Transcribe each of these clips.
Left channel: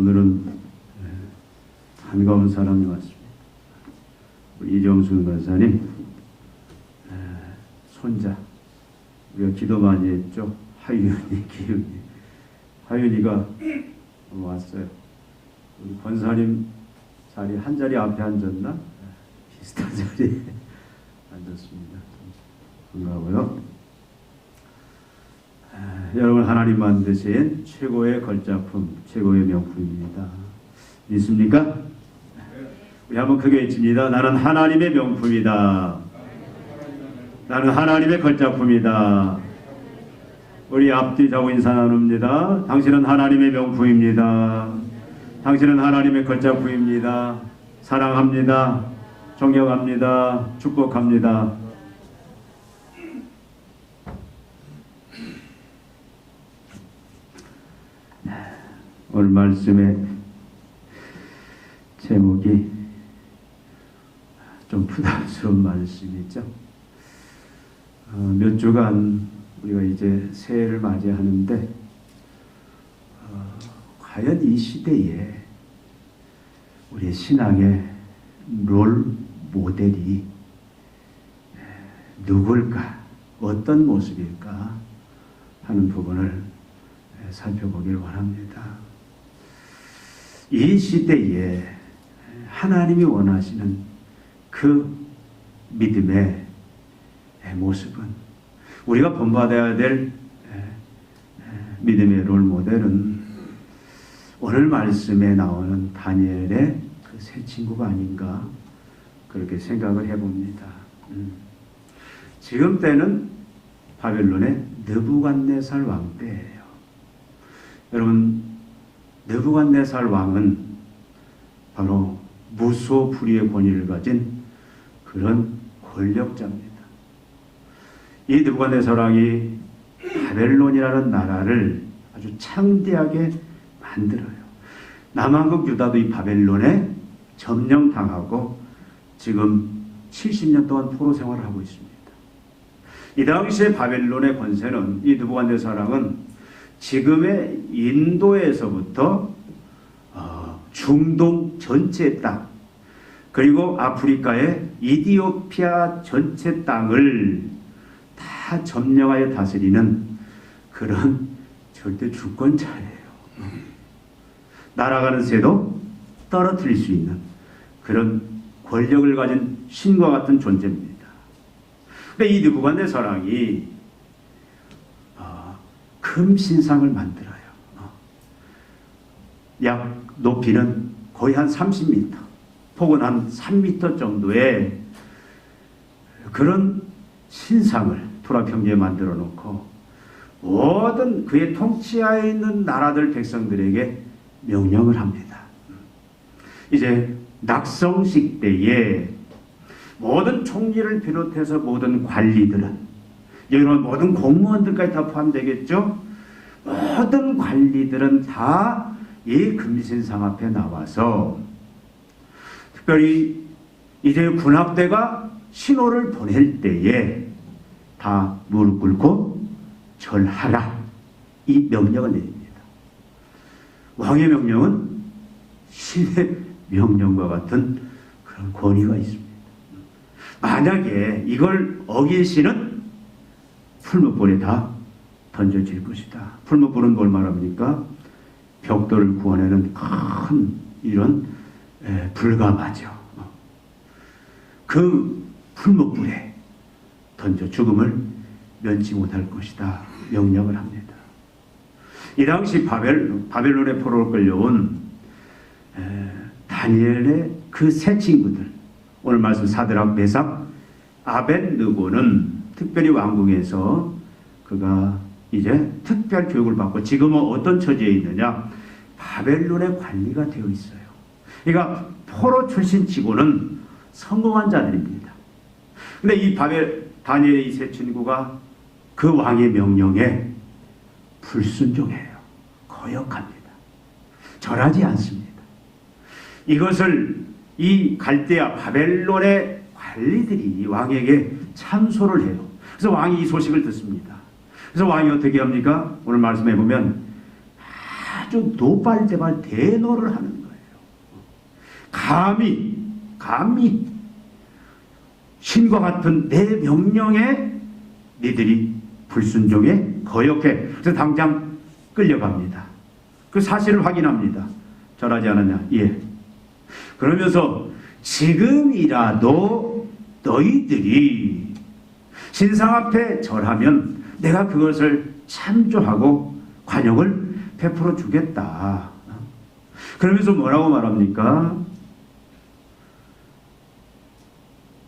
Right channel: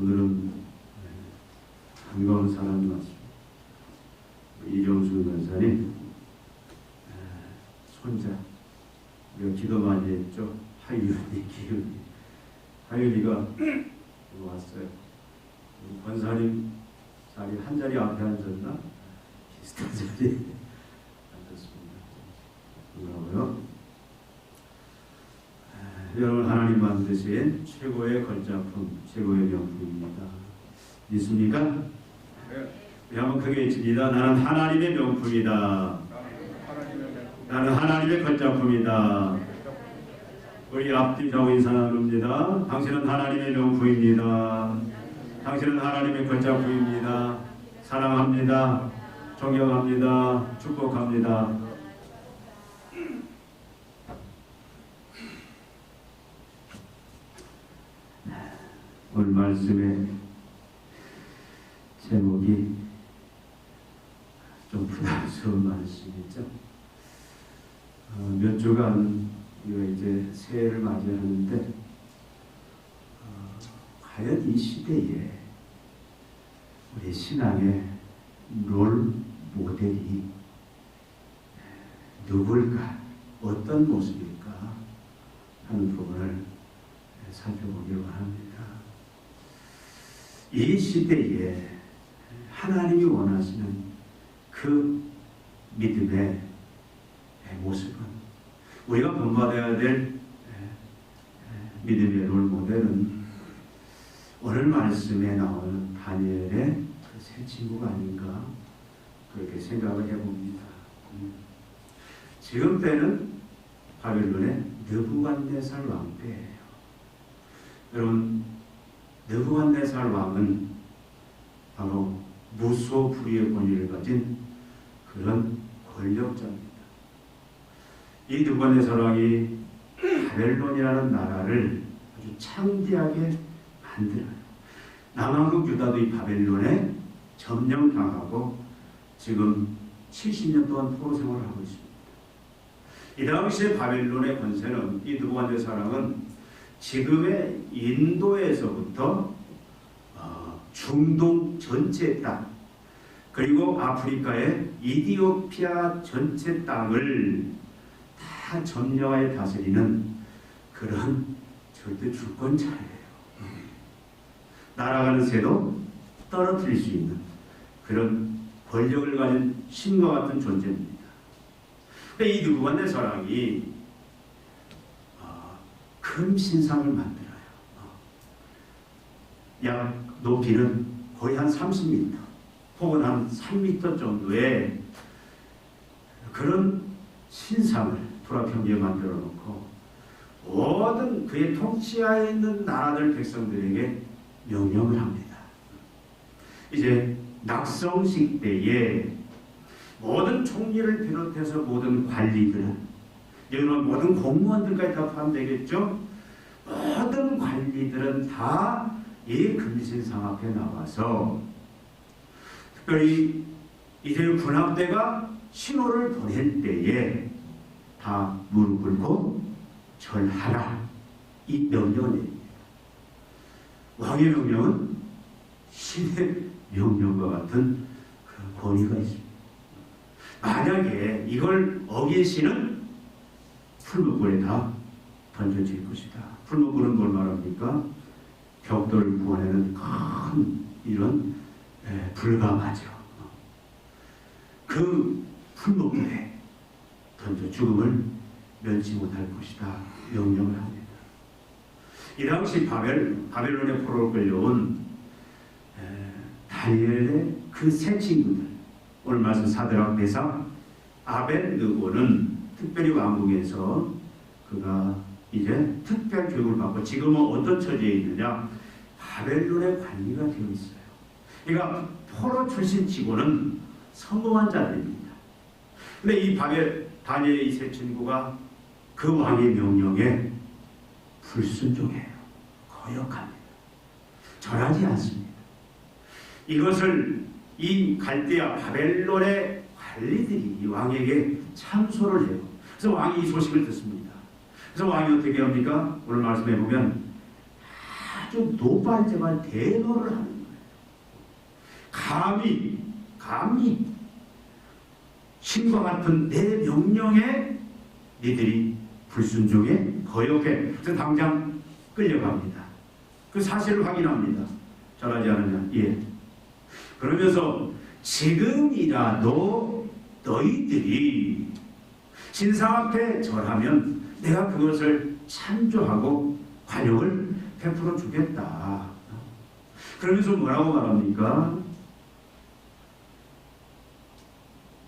오늘은 반가운 사람이 왔습니다. 이정순 권사님 손자, 우리가 기도 많이 했죠. 하윤이, 기윤이. 하윤이가 왔어요. 우리 권사님 자리 한 자리 앞에 앉았나? 비슷한 자리에 앉았습니다. 반가워요. 여러분, 하나님 만드신 최고의 걸작품, 최고의 명품입니다. 믿습니까? 우리 한번 크게 외칩니다. 나는 하나님의 명품이다. 나는 하나님의 걸작품이다. 우리 앞뒤 좌우 인사 나눕니다. 당신은 하나님의 명품입니다. 당신은 하나님의 걸작품입니다. 사랑합니다. 존경합니다. 축복합니다. 오늘 말씀의 제목이 좀 부담스러운 말씀이죠. 몇 주간 우리가 이제 새해를 맞이하는데 과연 이 시대에 우리 신앙의 롤 모델이 누굴까, 어떤 모습일까 하는 부분을 살펴보길 원합니다. 이 시대에 하나님이 원하시는 그 믿음의 모습은, 우리가 본받아야 될 믿음의 롤 모델은 오늘 말씀에 나오는 다니엘의 그 세 친구가 아닌가, 그렇게 생각을 해봅니다. 지금 때는 바벨론의 느부갓네살 왕 때예요. 여러분, 느부갓네살 왕은 바로 무소불위의 권위를 가진 그런 권력자입니다. 이 느부갓네살 왕이 바벨론이라는 나라를 아주 창대하게 만들어요. 남한국 유다도 이 바벨론에 점령당하고 지금 70년 동안 포로 생활을 하고 있습니다. 이 당시에 바벨론의 권세는, 이 느부갓네살 왕은 지금의 인도에서부터 중동 전체 땅, 그리고 아프리카의 이디오피아 전체 땅을 다 점령하여 다스리는 그런 절대 주권자예요. 날아가는 새도 떨어뜨릴 수 있는 그런 권력을 가진 신과 같은 존재입니다. 근데 이 느부갓네살 왕이 큰 신상을 만들어요. 약 높이는 거의 한 30m, 폭은 한 3m 정도의 그런 신상을 투라평지에 만들어 놓고 모든 그의 통치하에 있는 나라들 백성들에게 명령을 합니다. 이제 낙성식 때에 모든 총리를 비롯해서 모든 관리들은, 여기는 모든 공무원들까지 다 포함되겠죠? 모든 관리들은 다 이 금신상 앞에 나와서, 특별히 이제 군함대가 신호를 보낼 때에 다 무릎 꿇고 절하라, 이 명령을 내립니다. 왕의 명령은 신의 명령과 같은 그런 권위가 있습니다. 만약에 이걸 어기시는 풀무불에 다 던져질 것이다. 풀무불은 뭘 말합니까? 벽돌을 구워내는 큰 이런 불가마죠. 그 풀무불에 던져 죽음을 면치 못할 것이다 명령을 합니다. 이 당시 바벨론의 포로로 끌려온 다니엘의 그 세 친구들, 오늘 말씀 사드락, 메삭, 아벳느고는 특별히 왕궁에서 그가 이제 특별 교육을 받고 지금은 어떤 처지에 있느냐, 바벨론의 관리가 되어 있어요. 그러니까 포로 출신치고는 성공한 자들입니다. 근데 이 다니엘의 이 세 친구가 그 왕의 명령에 불순종해요. 거역합니다. 절하지 않습니다. 이것을 이 갈대아 바벨론의 관리들이 왕에게 참소를 해요. 그래서 왕이 이 소식을 듣습니다. 그래서 왕이 어떻게 합니까? 오늘 말씀해 보면 아주 노발대발 대노를 하는 거예요. 감히 신과 같은 내 명령에 니들이 불순종해 거역해. 그래서 당장 끌려갑니다. 그 사실을 확인합니다. 절하지 않았냐? 예. 그러면서 지금이라도 너희들이 신상 앞에 절하면 내가 그것을 참조하고 관용을 베풀어 주겠다. 그러면서 뭐라고 말합니까?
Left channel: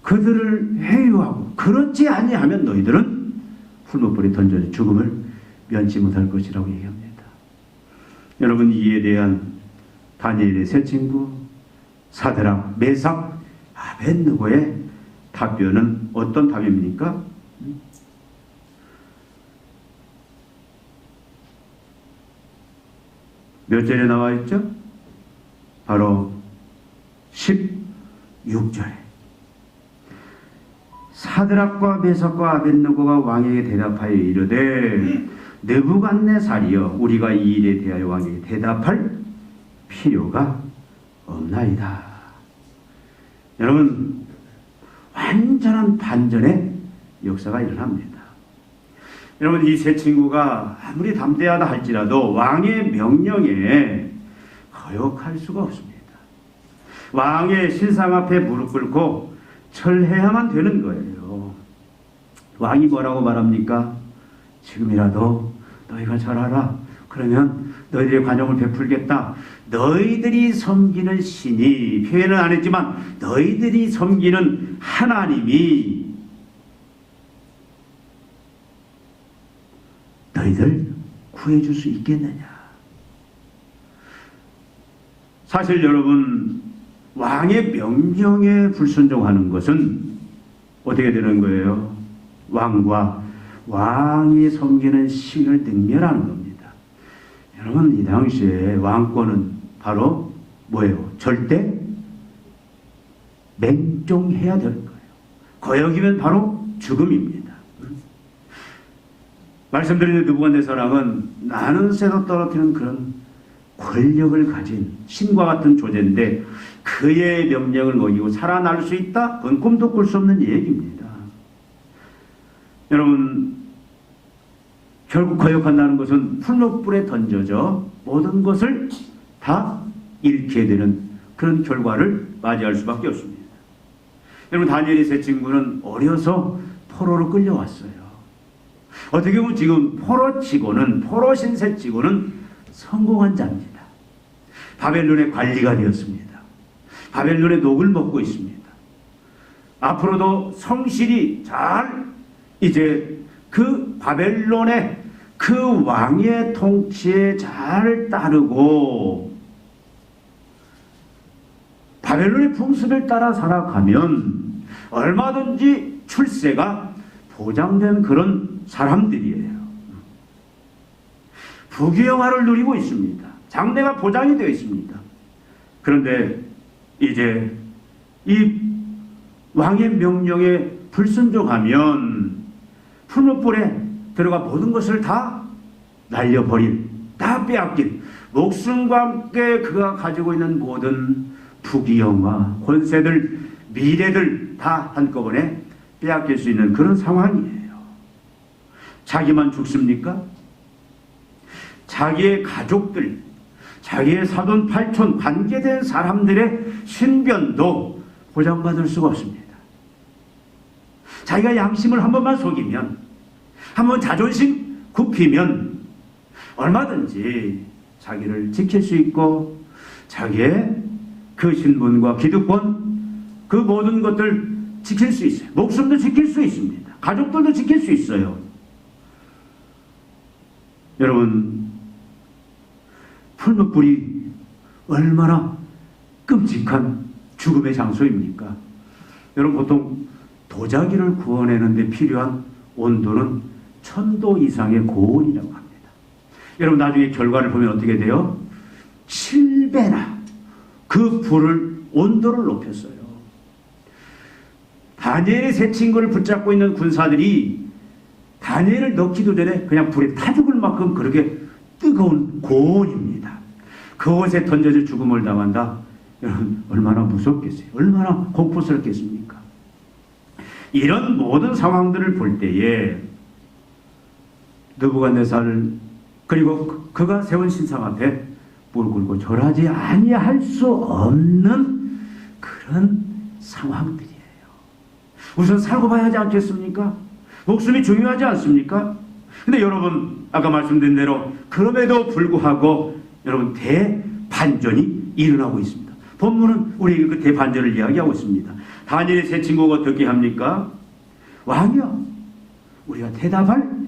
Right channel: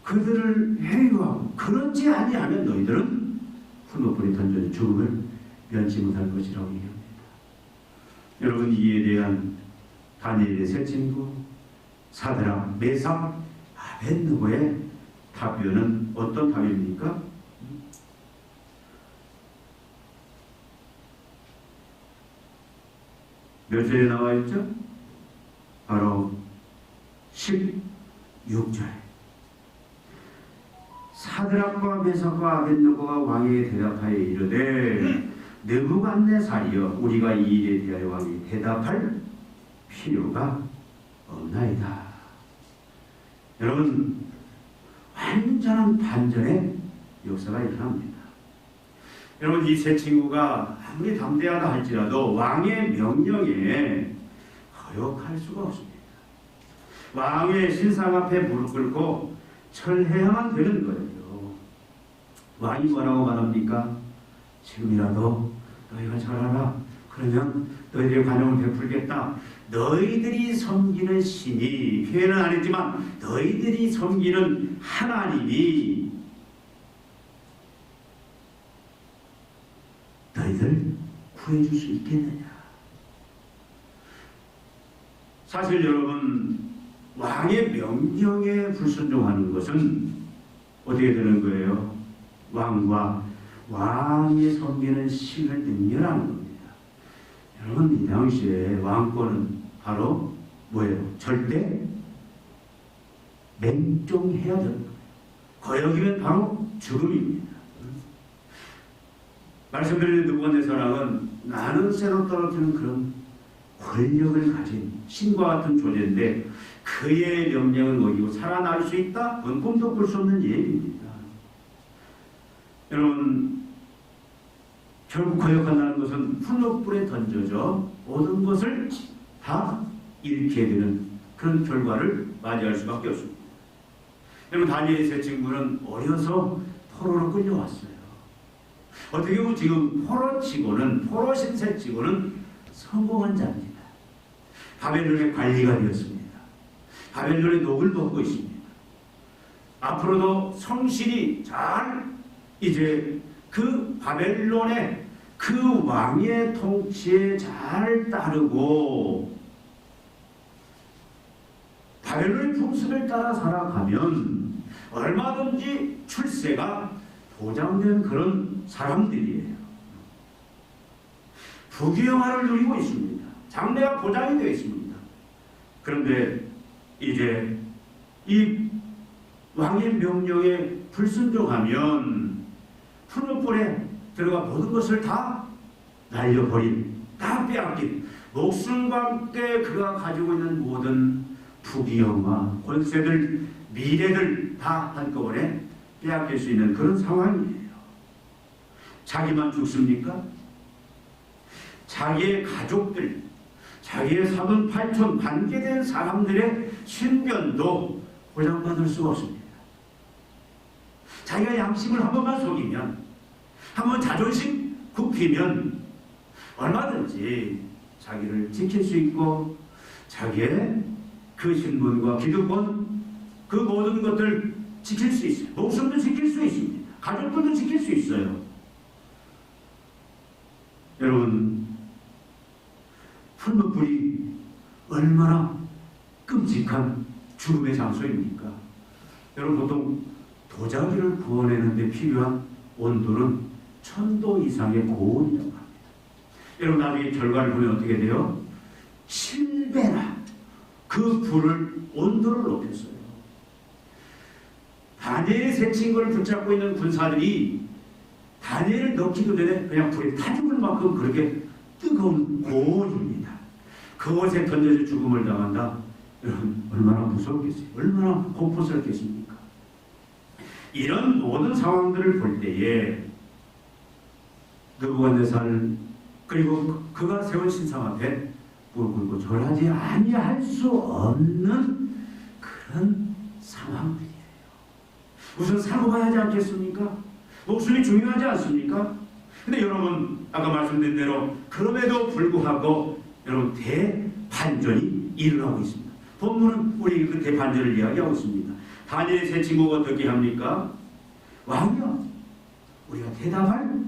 그들을 회유하고 그렇지 아니하면 너희들은 풀무불에 던져져 죽음을 면치 못할 것이라고 얘기합니다. 여러분, 이에 대한 다니엘의 세 친구 사드락, 메삭, 아벳느고의 답변은 어떤 답입니까? 몇 절에 나와 있죠? 바로 16절에 사드락과 메삭과 아벳느고가 왕에게 대답하여 이르되 느부갓네살이여 우리가 이 일에 대하여 왕에게 대답할 필요가 없나이다. 여러분, 완전한 반전의 역사가 일어납니다. 여러분, 이 세 친구가 아무리 담대하다 할지라도 왕의 명령에 거역할 수가 없습니다. 왕의 신상 앞에 무릎 꿇고 절해야만 되는 거예요. 왕이 뭐라고 말합니까? 지금이라도 너희가 절하라. 그러면 너희들의 관용을 베풀겠다. 너희들이 섬기는 신이, 표현은 안 했지만 너희들이 섬기는 하나님이 너희들 구해줄 수 있겠느냐. 사실 여러분, 왕의 명령에 불순종하는 것은 어떻게 되는 거예요? 왕이 섬기는 신을 능멸하는 겁니다. 여러분, 이 당시에 왕권은 바로 뭐예요? 절대 맹종해야 될 거예요. 거역이면 바로 죽음입니다. 말씀드린 느부갓네살은 나는 새로 떨어뜨리는 그런 권력을 가진 신과 같은 존재인데 그의 명령을 먹이고 살아날 수 있다? 그건 꿈도 꿀 수 없는 얘기입니다. 여러분, 결국 거역한다는 것은 풀무불에 던져져 모든 것을 다 잃게 되는 그런 결과를 맞이할 수밖에 없습니다. 여러분, 다니엘의 세 친구는 어려서 포로로 끌려왔어요. 어떻게 보면 지금 포로 신세치고는 성공한 자입니다. 바벨론의 관리가 되었습니다. 바벨론의 녹을 먹고 있습니다. 앞으로도 성실히 잘 이제 그 바벨론의 그 왕의 통치에 잘 따르고 바벨론의 풍습을 따라 살아가면 얼마든지 출세가 보장된 그런 사람들이에요. 부귀영화를 누리고 있습니다. 장래가 보장이 되어 있습니다. 그런데 이제 이 왕의 명령에 불순종하면 풀무불에 들어가 모든 것을 다 날려버린, 다 빼앗긴, 목숨과 함께 그가 가지고 있는 모든 부귀영화, 권세들, 미래들 다 한꺼번에 빼앗길 수 있는 그런 상황이에요. 자기만 죽습니까? 자기의 가족들, 자기의 사돈 팔촌 관계된 사람들의 신변도 보장받을 수가 없습니다. 자기가 양심을 한 번만 속이면, 한 번 자존심 굽히면 얼마든지 자기를 지킬 수 있고 자기의 그 신분과 기득권, 그 모든 것들 지킬 수 있어요. 목숨도 지킬 수 있습니다. 가족들도 지킬 수 있어요. 여러분, 풀무불이 얼마나 끔찍한 죽음의 장소입니까? 여러분, 보통 도자기를 구워내는데 필요한 온도는 1000도 이상의 고온이라고 합니다. 여러분, 나중에 결과를 보면 어떻게 돼요? 7배나 그 불을, 온도를 높였어요. 다니엘의 세 친구를 붙잡고 있는 군사들이 다니엘을 넣기도 전에 그냥 불에 타 죽을 만큼 그렇게 뜨거운 고온입니다. 그곳에 던져져 죽음을 당한다. 여러분 얼마나 무섭겠어요? 얼마나 공포스럽겠습니까? 이런 모든 상황들을 볼 때에 느부갓네살 그리고 그가 세운 신상 앞에 무릎 꿇고 절하지 아니할 수 없는 그런 상황들이에요. 우선 살고 봐야 하지 않겠습니까? 목숨이 중요하지 않습니까? 근데 여러분 아까 말씀드린 대로 그럼에도 불구하고 여러분 대반전이 일어나고 있습니다. 본문은 우리에게 그 대반전을 이야기하고 있습니다. 다니엘의 세 친구가 어떻게 합니까? 왕이여, 우리가 대답할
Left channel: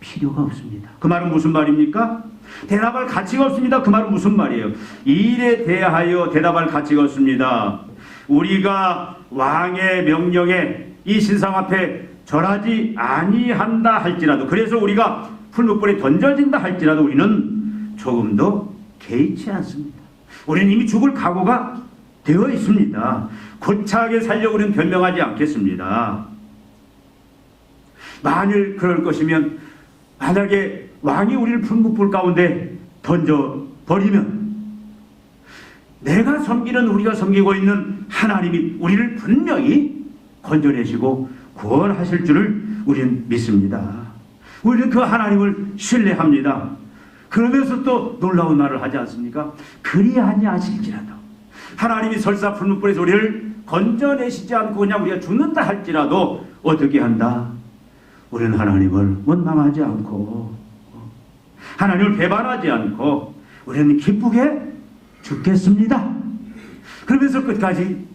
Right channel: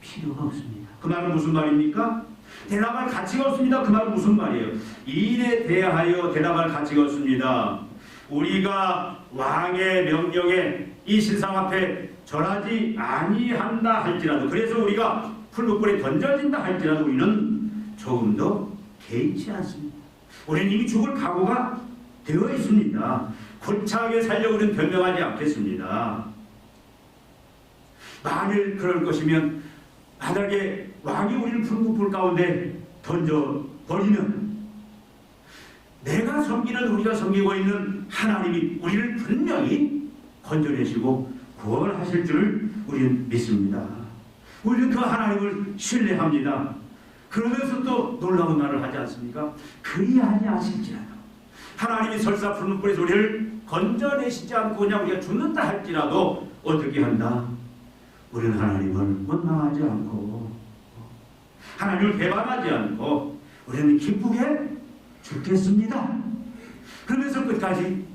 필요가 없습니다. 그 말은 무슨 말입니까? 대답할 가치가 없습니다. 그 말은 무슨 말이에요? 이 일에 대하여 대답할 가치가 없습니다. 우리가 왕의 명령에 이 신상 앞에 절하지 아니한다 할지라도, 그래서 우리가 풀무불에 던져진다 할지라도 우리는 조금도 개의치 않습니다. 우리는 이미 죽을 각오가 되어 있습니다. 고차하게 살려고 우리는 변명하지 않겠습니다. 만일 그럴 것이면, 만약에 왕이 우리를 풀무불 가운데 던져버리면 내가 섬기는, 우리가 섬기고 있는 하나님이 우리를 분명히 건져내시고 구원하실 줄을 우리는 믿습니다. 우리는 그 하나님을 신뢰합니다. 그러면서 또 놀라운 말을 하지 않습니까? 그리하지 않으실지라도 하나님이 설사 풀무불에서 우리를 건져내시지 않고 그냥 우리가 죽는다 할지라도 어떻게 한다? 우리는 하나님을 원망하지 않고 하나님을 배반하지 않고 우리는 기쁘게 죽겠습니다. 그러면서 끝까지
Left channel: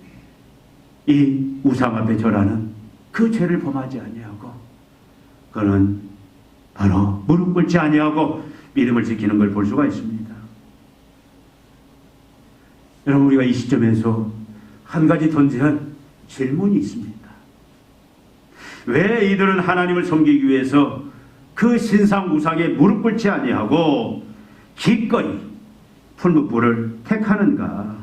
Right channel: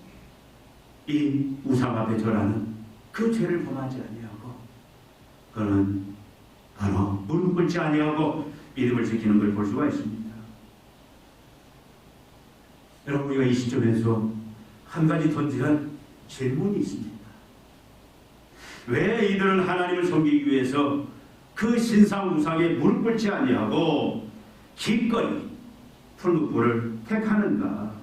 이 우상 앞에 절하는 그 죄를 범하지 아니하고, 그는 바로 무릎 꿇지 아니하고 믿음을 지키는 걸 볼 수가 있습니다. 여러분, 우리가 이 시점에서 한 가지 던져야 할 질문이 있습니다. 왜 이들은 하나님을 섬기기 위해서 그 신상 우상에 무릎 꿇지 아니하고 기꺼이 풀무불을 택하는가?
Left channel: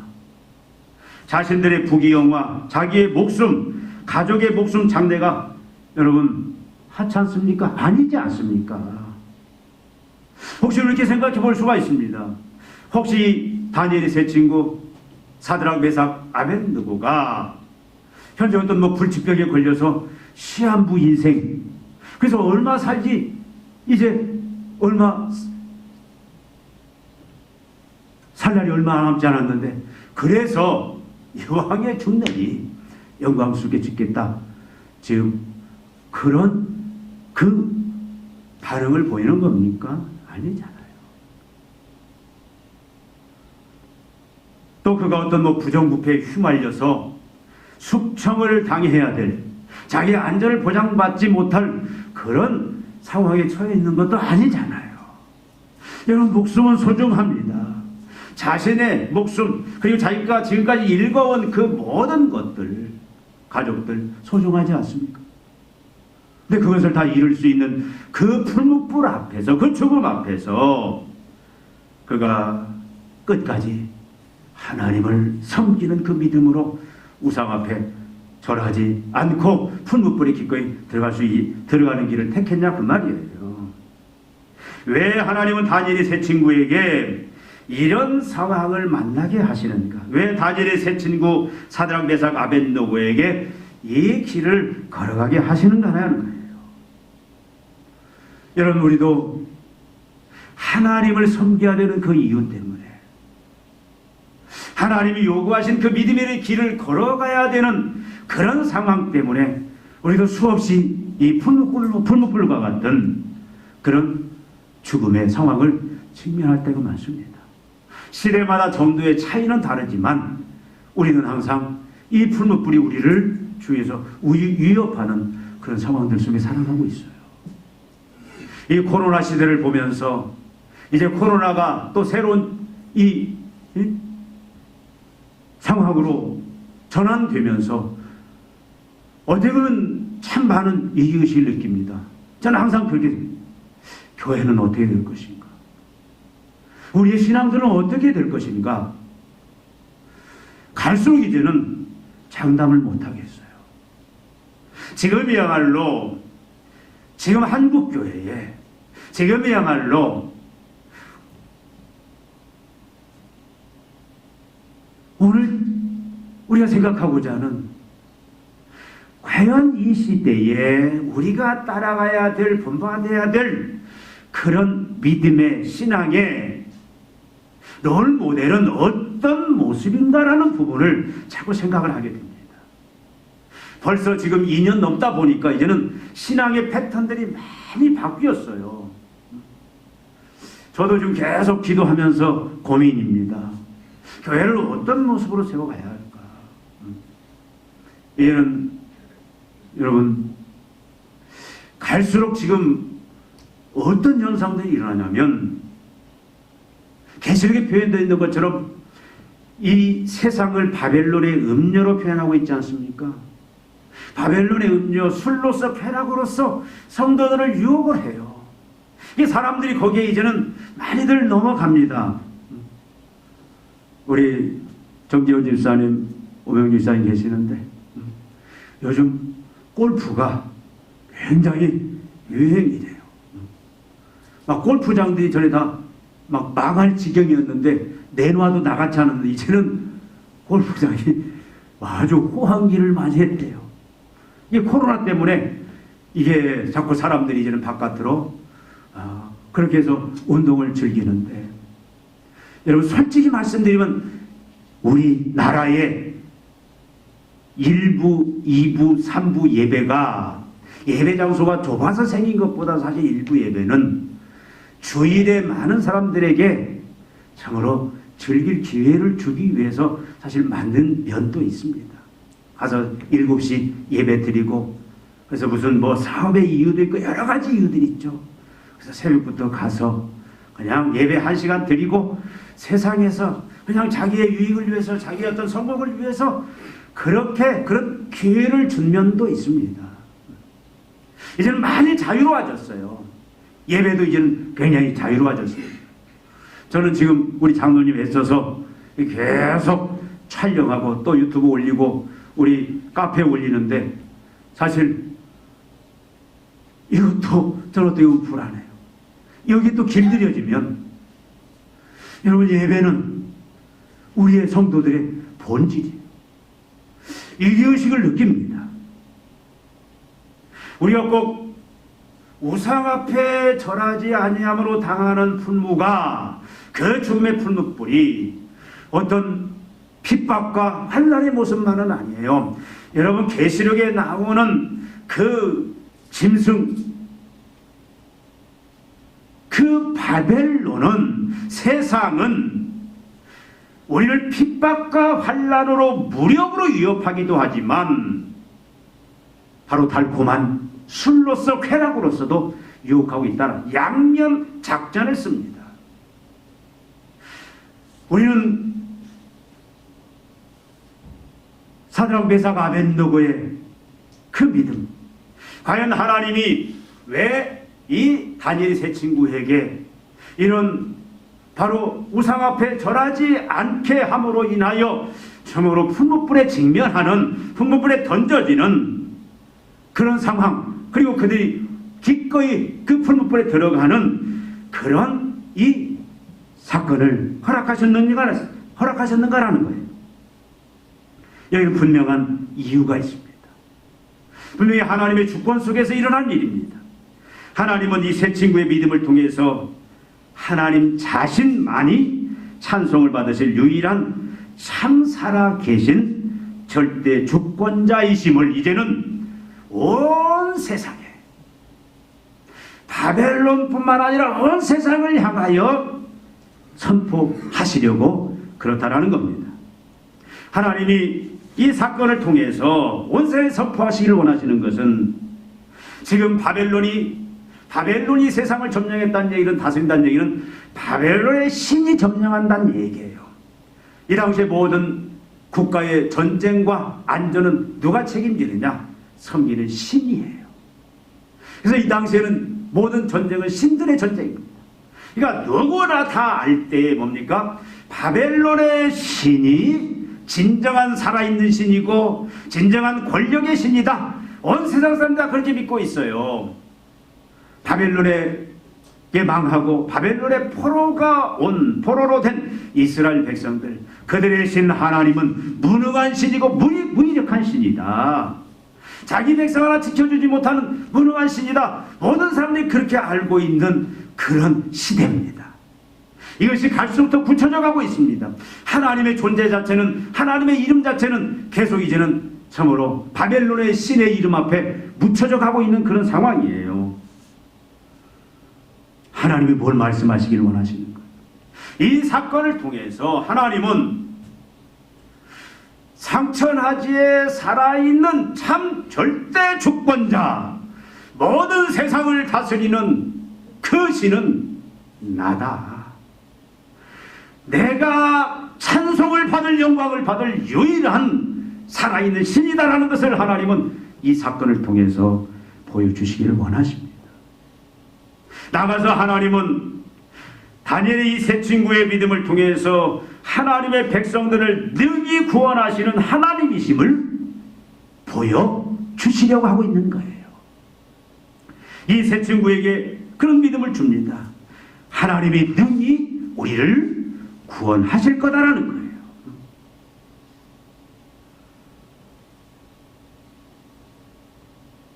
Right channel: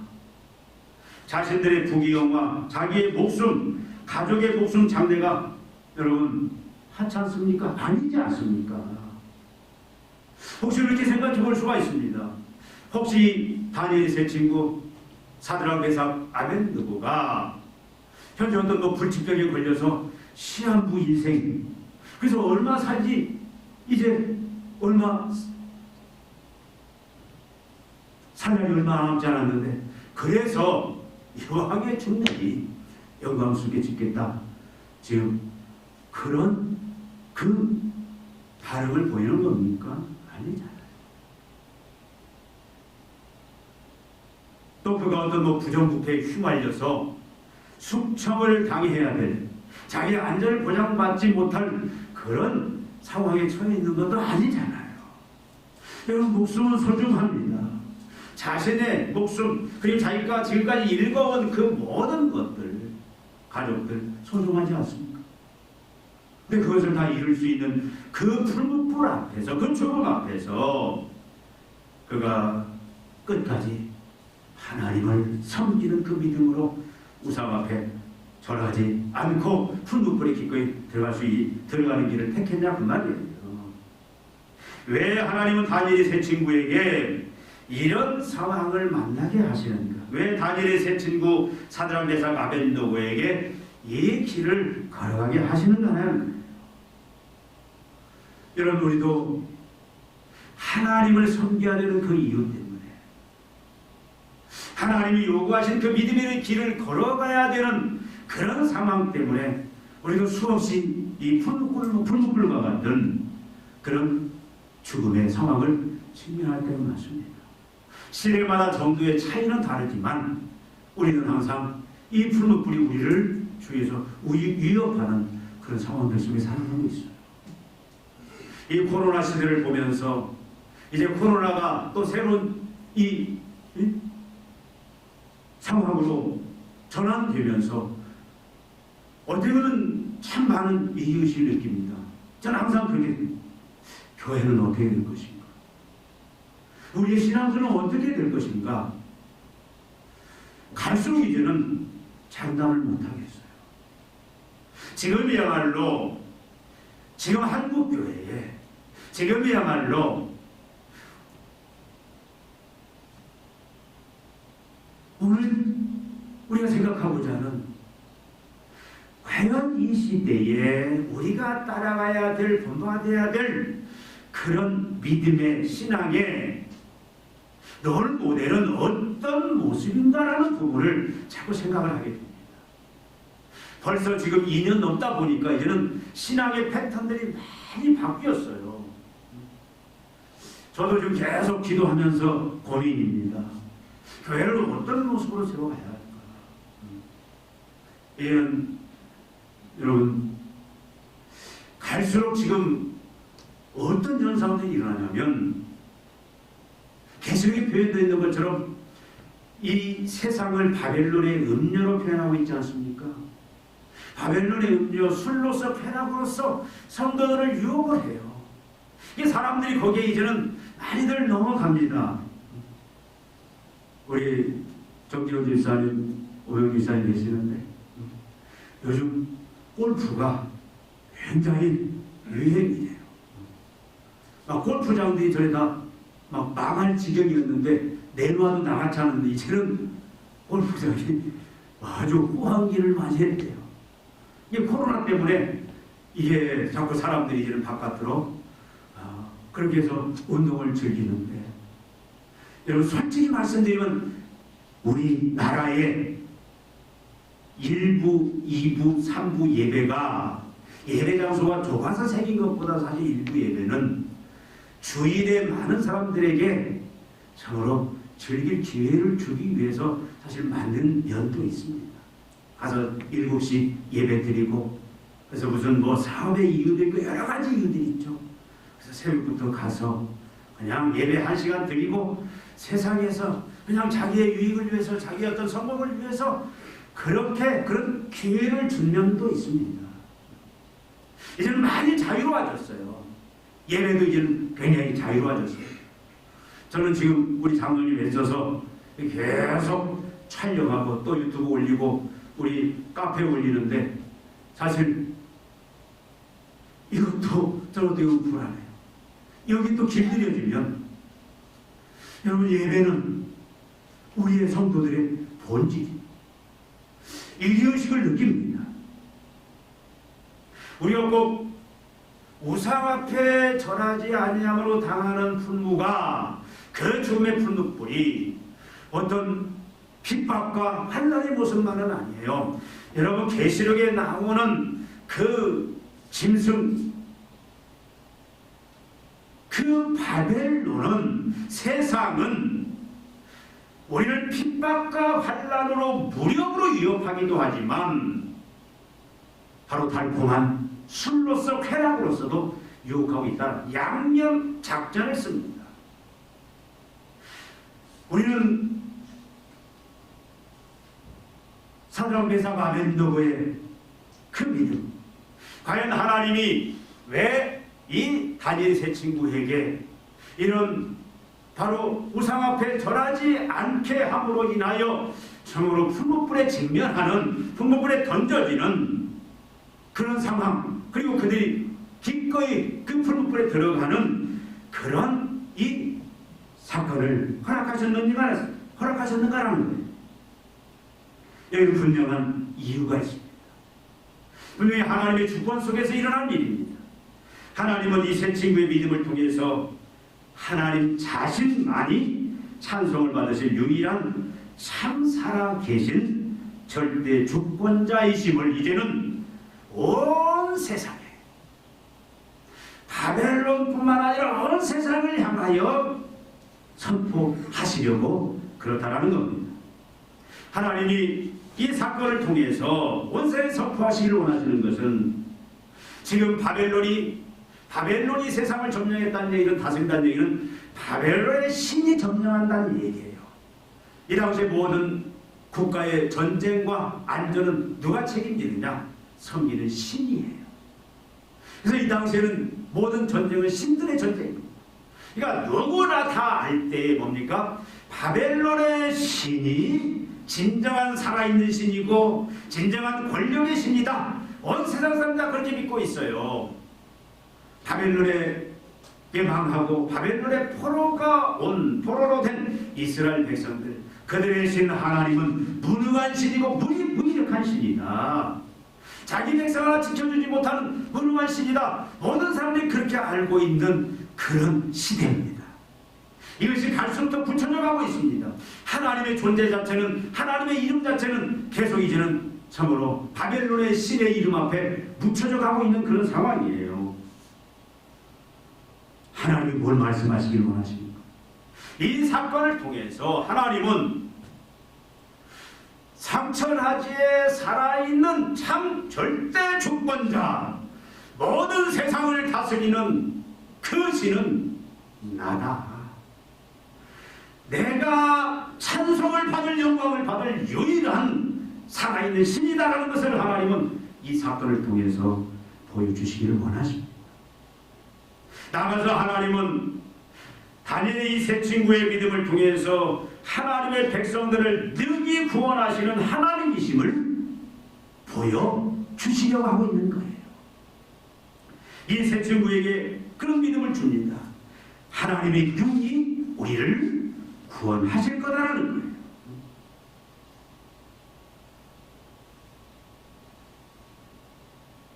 자신들의 부귀영화, 자기의 목숨, 가족의 목숨 장래가 여러분 하찮습니까? 아니지 않습니까? 혹시 이렇게 생각해 볼 수가 있습니다. 혹시 다니엘의 세 친구 사드락, 메삭, 아벳느고가 현재 어떤 불치병에 걸려서 시한부 인생, 그래서 얼마 살지, 이제 얼마 살 날이 얼마 남지 않았는데, 그래서 여왕의 죽내니 영광스럽게 짓겠다, 지금 그런 그 반응을 보이는 겁니까? 아니잖아요. 또 그가 어떤 부정부패에 휘말려서 숙청을 당해야 될, 자기의 안전을 보장받지 못할 그런 상황에 처해 있는 것도 아니잖아요. 여러분, 목숨은 소중합니다. 자신의 목숨, 그리고 자기가 지금까지 일궈온 그 모든 것들, 가족들 소중하지 않습니까? 근데 그것을 다 잃을 수 있는 그 풀무불 앞에서, 그 죽음 앞에서 그가 끝까지 하나님을 섬기는 그 믿음으로 우상 앞에 절하지 않고 풀무불에 기꺼이 들어가는 길을 택했냐, 그 말이에요. 왜 하나님은 다니엘의 세 친구에게 이런 상황을 만나게 하시는가? 왜 다니엘의 세 친구 사드락, 메삭, 아벳느고에게 이 길을 걸어가게 하시는가 하는 거예요. 여러분, 우리도 하나님을 섬겨야 되는 그 이유 때문에, 하나님이 요구하신 그 믿음의 길을 걸어가야 되는 그런 상황 때문에 우리도 수없이 이 풀무불과 같은 그런 죽음의 상황을 직면할 때가 많습니다. 시대마다 정도의 차이는 다르지만 우리는 항상 이 풀무불이 우리를 주위에서 위협하는 그런 상황들 속에 살아가고 있어요. 이 코로나 시대를 보면서 이제 코로나가 또 새로운 이 상황으로 전환되면서 어제는 참 많은 이기의식을 느낍니다. 저는 항상 그렇게, 교회는 어떻게 될 것인가? 우리의 신앙들은 어떻게 될 것인가? 갈수록 이제는 장담을 못하겠어요. 지금이야말로, 지금 한국교회에 지금이야말로 오늘 우리가 생각하고자 하는 과연 이 시대에 우리가 따라가야 될, 본받아야 될 그런 믿음의 신앙의 롤 모델은 어떤 모습인가라는 부분을 자꾸 생각을 하게 됩니다. 벌써 지금 2년 넘다 보니까 이제는 신앙의 패턴들이 많이 바뀌었어요. 저도 지금 계속 기도하면서 고민입니다. 교회를 어떤 모습으로 세워가야 할까? 이제는 여러분 갈수록 지금 어떤 현상들이 일어나냐면 계시록에 표현되어 있는 것처럼 이 세상을 바벨론의 음료로 표현하고 있지 않습니까? 바벨론의 음료, 술로서 쾌락으로서 성도들을 유혹을 해요. 이 사람들이 거기에 이제는 많이들 넘어갑니다. 우리 정지훈 집사님, 오명주 집사님 계시는데 요즘 골프가 굉장히 유행이래요. 막 골프장들이 전에 다 막 망할 지경이었는데 내놔도 나가지 않았는데 이제는 골프장이 아주 호황기를 맞이했대요. 이게 코로나 때문에 이게 자꾸 사람들이 이제는 바깥으로 그렇게 해서 운동을 즐기는데, 여러분 솔직히 말씀드리면 우리나라의 1부, 2부, 3부 예배가 예배 장소가 좁아서 생긴 것보다 사실 일부 예배는 주일에 많은 사람들에게 참으로 즐길 기회를 주기 위해서 사실 만든 면도 있습니다. 가서 7시 예배 드리고, 그래서 무슨 뭐 사업의 이유도 있고 여러 가지 이유들이 있죠. 그래서 새벽부터 가서 그냥 예배 1시간 드리고 세상에서 그냥 자기의 유익을 위해서, 자기의 어떤 성공을 위해서 그렇게 그런 기회를 준 면도 있습니다. 이제는 많이 자유로워졌어요. 예배도 이제는 굉장히 자유로워졌습니다. 저는 지금 우리 장로님 애써서 계속 촬영하고 또 유튜브 올리고 우리 카페에 올리는데 사실 이것도 저것도 이거 불안해요. 여기 또 길들여지면 여러분 예배는 우리의 성도들의 본질이에요. 일기의식을 느낍니다. 우리가 꼭 우상 앞에 절하지 아니함으로 당하는 분무가 그 죽음의 분무불이 어떤 핍박과 환난의 모습만은 아니에요. 여러분 계시록에 나오는 그 짐승, 그 바벨론은, 세상은 우리를 핍박과 환난으로 무력으로 위협하기도 하지만 바로 달콤한 술로서 쾌락으로서도 유혹하고 있다는 양면 작전을 씁니다. 우리는 사드락 메삭 아벤노고의 그 믿음, 과연 하나님이 왜 이 다니엘 세 친구에게 이런 바로 우상 앞에 절하지 않게 함으로 인하여 참으로 풀무불에 직면하는, 풀무불에 던져지는 그런 상황, 그리고 그들이 기꺼이 그 풀무불에 들어가는 그런 이 사건을 허락하셨는가라는 거예요. 여기는 분명한 이유가 있습니다. 분명히 하나님의 주권 속에서 일어난 일입니다. 하나님은 이 세 친구의 믿음을 통해서 하나님 자신만이 찬송을 받으실 유일한 참 살아계신 절대 주권자이심을 이제는 온 세상에, 바벨론뿐만 아니라 온 세상을 향하여 선포하시려고 그렇다라는 겁니다. 하나님이 이 사건을 통해서 온 세상에 선포하시기를 원하시는 것은 지금 바벨론이 세상을 점령했다는 얘기는, 다스린다는 얘기는 바벨론의 신이 점령한다는 얘기예요. 이 당시에 모든 국가의 전쟁과 안전은 누가 책임지느냐? 섬기는 신이에요. 그래서 이 당시에는 모든 전쟁은 신들의 전쟁입니다. 그러니까 누구나 다 알 때 뭡니까? 바벨론의 신이 진정한 살아있는 신이고 진정한 권력의 신이다. 온 세상 사람 다 그렇게 믿고 있어요. 바벨론의 망하고 바벨론의 포로로 된 이스라엘 백성들, 그들의 신 하나님은 무능한 신이고 무기력한 신이다. 자기 백성 하나 지켜주지 못하는 무능한 신이다. 모든 사람들이 그렇게 알고 있는 그런 시대입니다. 이것이 갈수록 더 굳혀져 가고 있습니다. 하나님의 존재 자체는, 하나님의 이름 자체는 계속 이제는 참으로 바벨론의 신의 이름 앞에 묻혀져 가고 있는 그런 상황이에요. 하나님이 뭘 말씀하시기를 원하십니까? 이 사건을 통해서 하나님은 상천하지에 살아있는 참 절대 주권자, 모든 세상을 다스리는 그 신은 나다. 내가 찬송을 받을, 영광을 받을 유일한 살아있는 신이다라는 것을 하나님은 이 사건을 통해서 보여주시기를 원하십니다. 나가서 하나님은 다니엘의 이 세 친구의 믿음을 통해서 하나님의 백성들을 능히 구원하시는 하나님이심을 보여주시려고 하고 있는 거예요. 이 세 친구에게 그런 믿음을 줍니다. 하나님이 능히 우리를 구원하실 거다라는 거예요.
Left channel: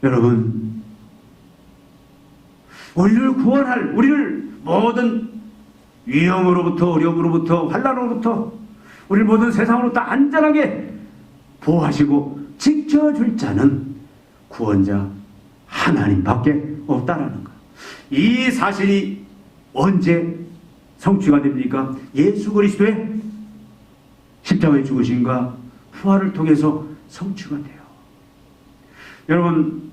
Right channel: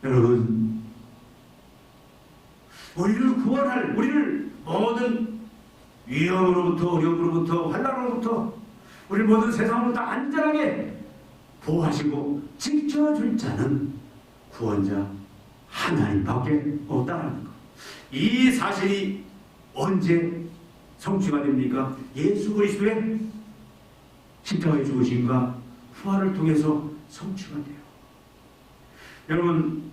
여러분, 우리를 구원할, 우리를 모든 위험으로부터, 어려움으로부터, 환난으로부터, 우리를 모든 세상으로부터 안전하게 보호하시고 지켜줄 자는 구원자 하나님밖에 없다라는 것. 이 사실이 언제 성취가 됩니까? 예수 그리스도의 십자가의 죽으심과 부활을 통해서 성취가 돼요. 여러분,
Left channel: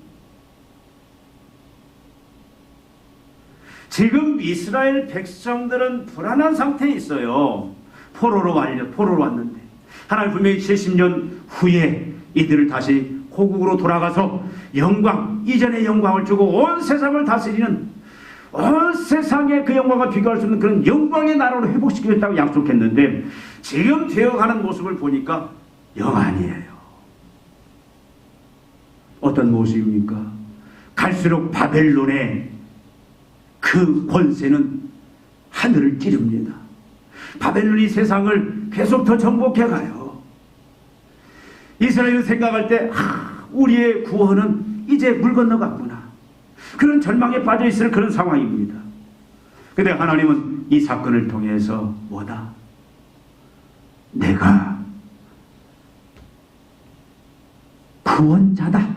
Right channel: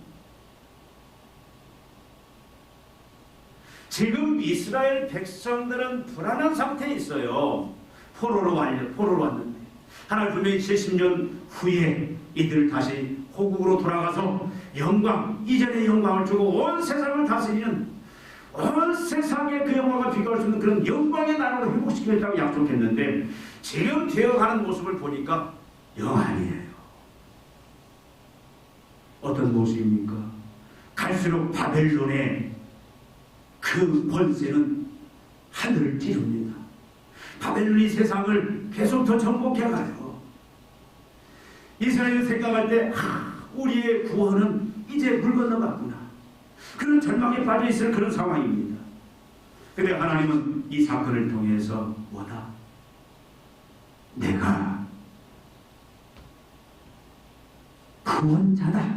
지금 이스라엘 백성들은 불안한 상태에 있어요. 포로로 왔는데 하나님 분명히 70년 후에 이들을 다시 호국으로 돌아가서 영광, 이전의 영광을 주고 온 세상을 다스리는, 온 세상에 그 영광과 비교할 수 없는 그런 영광의 나라로 회복시키겠다고 약속했는데 지금 되어가는 모습을 보니까 영 아니에요. 어떤 모습입니까? 갈수록 바벨론의 그 권세는 하늘을 찌릅니다. 바벨론이 세상을 계속 더 정복해가요. 이스라엘은 생각할 때 우리의 구원은 이제 물 건너갔구나, 그런 절망에 빠져있을 그런 상황입니다. 그런데 하나님은 이 사건을 통해서 뭐다? 내가 구원자다.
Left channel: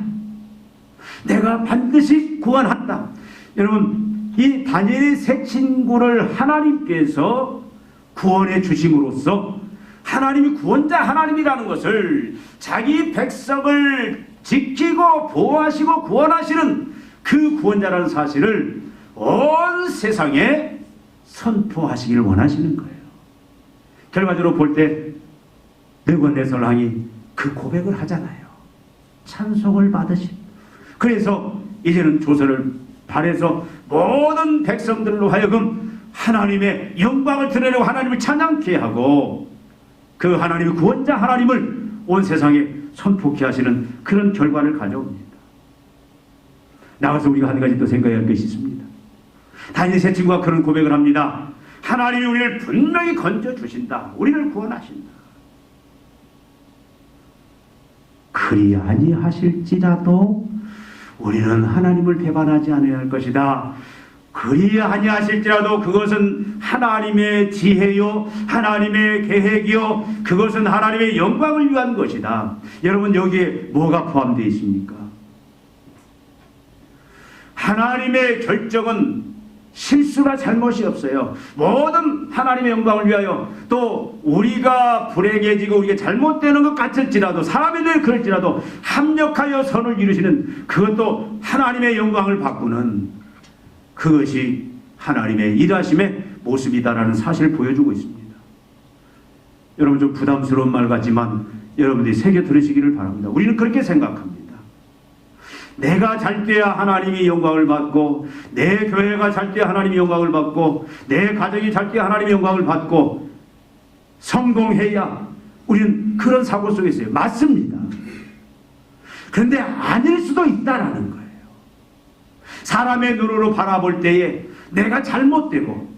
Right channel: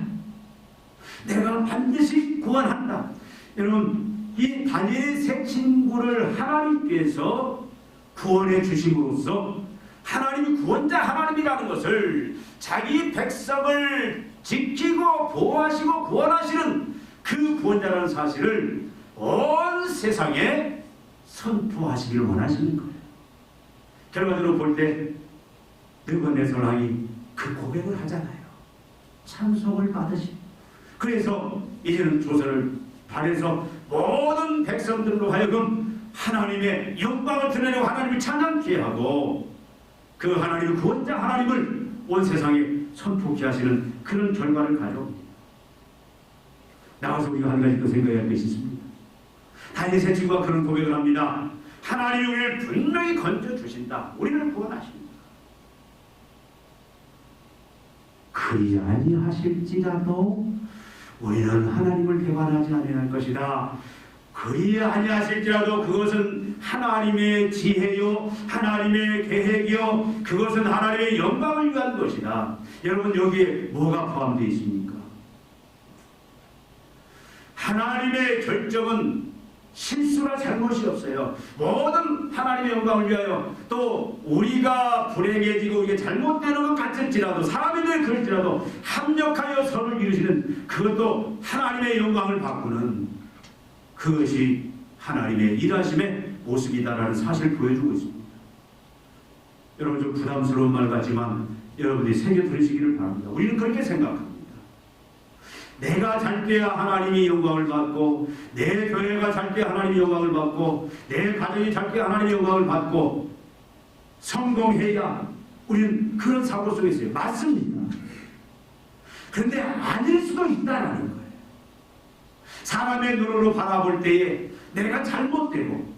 내가 반드시 구원한다. 여러분, 이 다니엘의 세 친구를 하나님께서 구원해 주심으로써 하나님이 구원자 하나님이라는 것을, 자기 백성을 지키고 보호하시고 구원하시는 그 구원자라는 사실을 온 세상에 선포하시기를 원하시는 거예요. 결과적으로 볼 때 느부갓네살 왕이 그 고백을 하잖아요. 찬송을 받으시. 그래서 이제는 조서를 발해서 모든 백성들로 하여금 하나님의 영광을 드러내고 하나님을 찬양케 하고 그 하나님의 구원자 하나님을 온 세상에 선포케 하시는 그런 결과를 가져옵니다. 나가서 우리가 한 가지 더 생각해야 할 것이 있습니다. 다니엘 세 친구가 그런 고백을 합니다. 하나님이 우리를 분명히 건져주신다. 우리를 구원하신다. 그리 아니하실지라도 우리는 하나님을 배반하지 않아야 할 것이다. 그리 아니하실지라도 그것은 하나님의 지혜요, 하나님의 계획이요, 그것은 하나님의 영광을 위한 것이다. 여러분, 여기에 뭐가 포함되어 있습니까? 하나님의 결정은 실수나 잘못이 없어요. 모든 하나님의 영광을 위하여, 또 우리가 불행해지고 우리가 잘못되는 것 같을지라도, 사람이 늘 그럴지라도 합력하여 선을 이루시는, 그것도 하나님의 영광을 바꾸는, 그것이 하나님의 일하심의 모습이다라는 사실을 보여주고 있습니다. 여러분, 좀 부담스러운 말 같지만 여러분들이 새겨 들으시기를 바랍니다. 우리는 그렇게 생각합니다. 내가 잘 때야 하나님이 영광을 받고, 내 교회가 잘 때야 하나님이 영광을 받고, 내 가정이 잘 때야 하나님이 영광을 받고, 성공해야, 우리는 그런 사고 속에 있어요. 맞습니다. 그런데 아닐 수도 있다라는 거예요. 사람의 눈으로 바라볼 때에 내가 잘못되고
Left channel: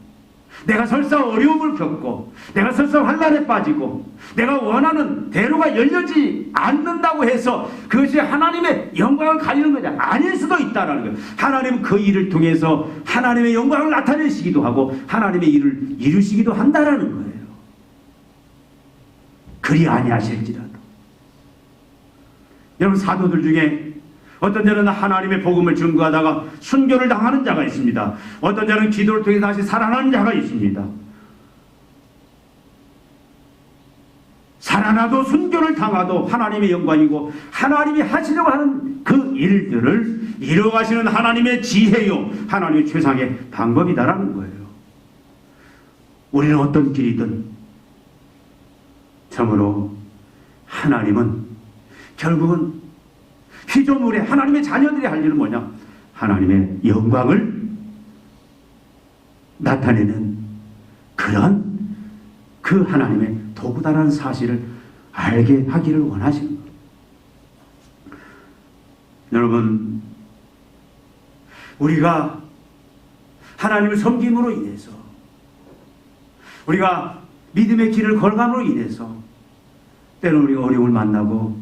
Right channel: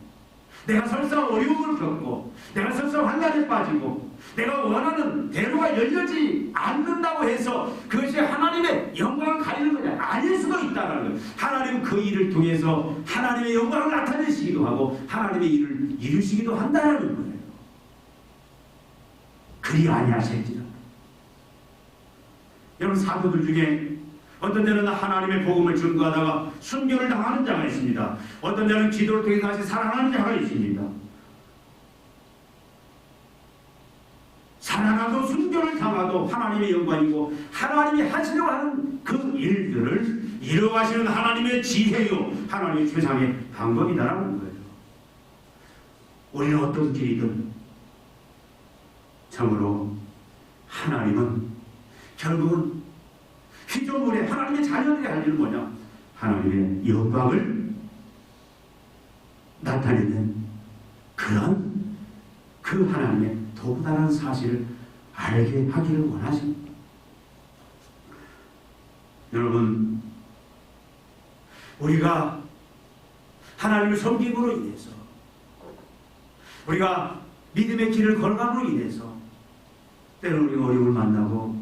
내가 설사 어려움을 겪고 내가 설사 환난에 빠지고 내가 원하는 대로가 열려지 않는다고 해서 그것이 하나님의 영광을 가리는 것이 아닐 수도 있다는 거예요. 하나님은 그 일을 통해서 하나님의 영광을 나타내시기도 하고 하나님의 일을 이루시기도 한다는 거예요. 그리 아니하실지라도. 여러분, 사도들 중에 어떤 자는 하나님의 복음을 증거하다가 순교를 당하는 자가 있습니다. 어떤 자는 기도를 통해 다시 살아나는 자가 있습니다. 살아나도 순교를 당하도 하나님의 영광이고 하나님이 하시려고 하는 그 일들을 이루어가시는 하나님의 지혜요 하나님의 최상의 방법이다라는 거예요. 우리는 어떤 길이든 참으로 하나님은 결국은 피조물의 하나님의 자녀들이 할 일은 뭐냐? 하나님의 영광을 나타내는 그런 그 하나님의 도구다라는 사실을 알게 하기를 원하십니다. 여러분, 우리가 하나님을 섬김으로 인해서 우리가 믿음의 길을 걸어감으로 인해서 때로는 우리가 어려움을 만나고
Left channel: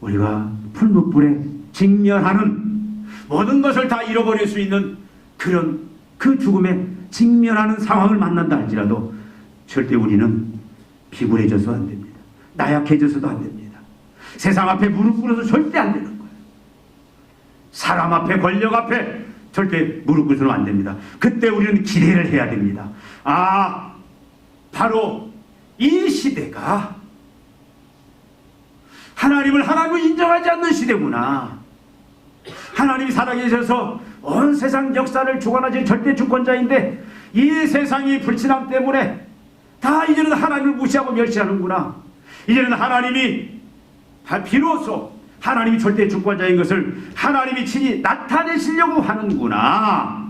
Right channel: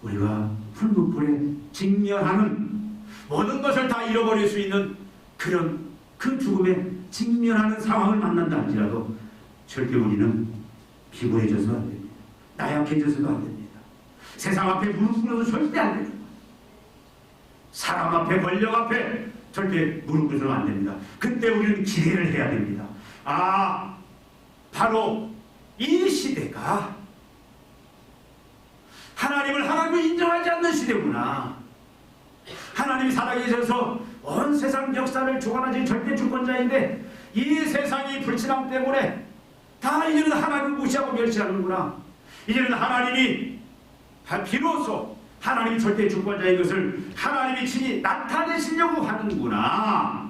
우리가 풀무불에 직면하는 모든 것을 다 잃어버릴 수 있는 그런 그 죽음에 직면하는 상황을 만난다 할지라도 절대 우리는 비굴해져서 안 됩니다. 나약해져서도 안 됩니다. 세상 앞에 무릎 꿇어서 절대 안 되는 거예요. 사람 앞에 권력 앞에 절대 무릎 꿇어서는 안 됩니다. 그때 우리는 기대를 해야 됩니다. 아, 바로 이 시대가 하나님을 하나님을 인정하지 않는 시대구나. 하나님이 살아계셔서 온 세상 역사를 주관하신 절대 주권자인데 이 세상이 불신앙 때문에 다 이제는 하나님을 무시하고 멸시하는구나. 이제는 하나님이 비로소 하나님이 절대 주권자인 것을 하나님이 친히 나타내시려고 하는구나.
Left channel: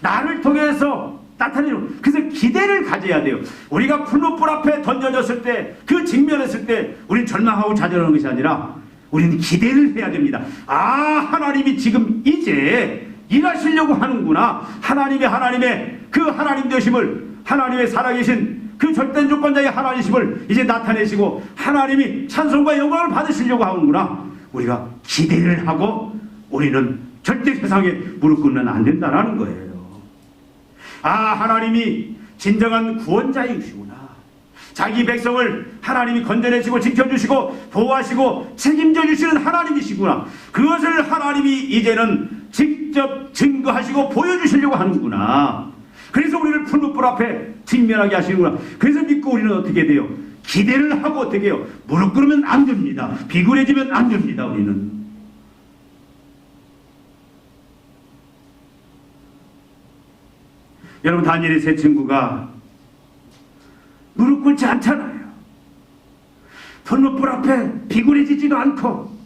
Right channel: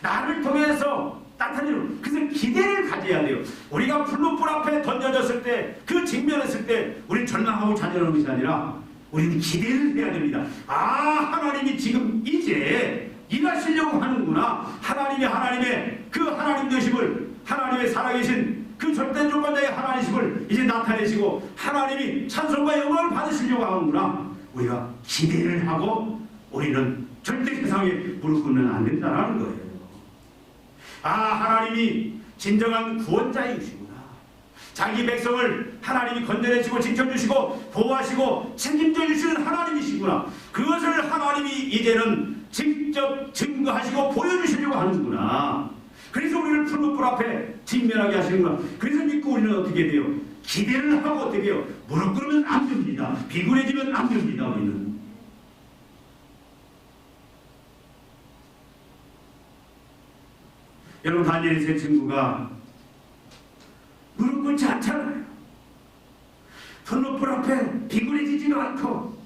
나를 통해서 나타내는, 그래서 기대를 가져야 돼요. 우리가 풀무불 앞에 던져졌을 때, 그 직면했을 때 우리는 절망하고 좌절하는 것이 아니라 우리는 기대를 해야 됩니다. 아, 하나님이 지금 이제 일하시려고 하는구나. 하나님의 그 하나님 되심을, 하나님의 살아계신 그 절대 주권자의 하나님이심을 이제 나타내시고 하나님이 찬송과 영광을 받으시려고 하는구나. 우리가 기대를 하고 우리는 절대 세상에 무릎 꿇으면 안 된다는 거예요. 아, 하나님이 진정한 구원자이시구나. 자기 백성을 하나님이 건져내시고 지켜주시고 보호하시고 책임져 주시는 하나님이시구나. 그것을 하나님이 이제는 직접 증거하시고 보여주시려고 하는구나. 그래서 우리를 풀무불 앞에 직면하게 하시는구나. 그래서 믿고 우리는 어떻게 돼요? 기대를 하고 어떻게 해요? 무릎 꿇으면 안 됩니다. 비굴해지면 안 됩니다. 우리는. 여러분, 다니엘의 세 친구가 무릎 꿇지 않잖아요. 풀무불 앞에 비굴해지지도 않고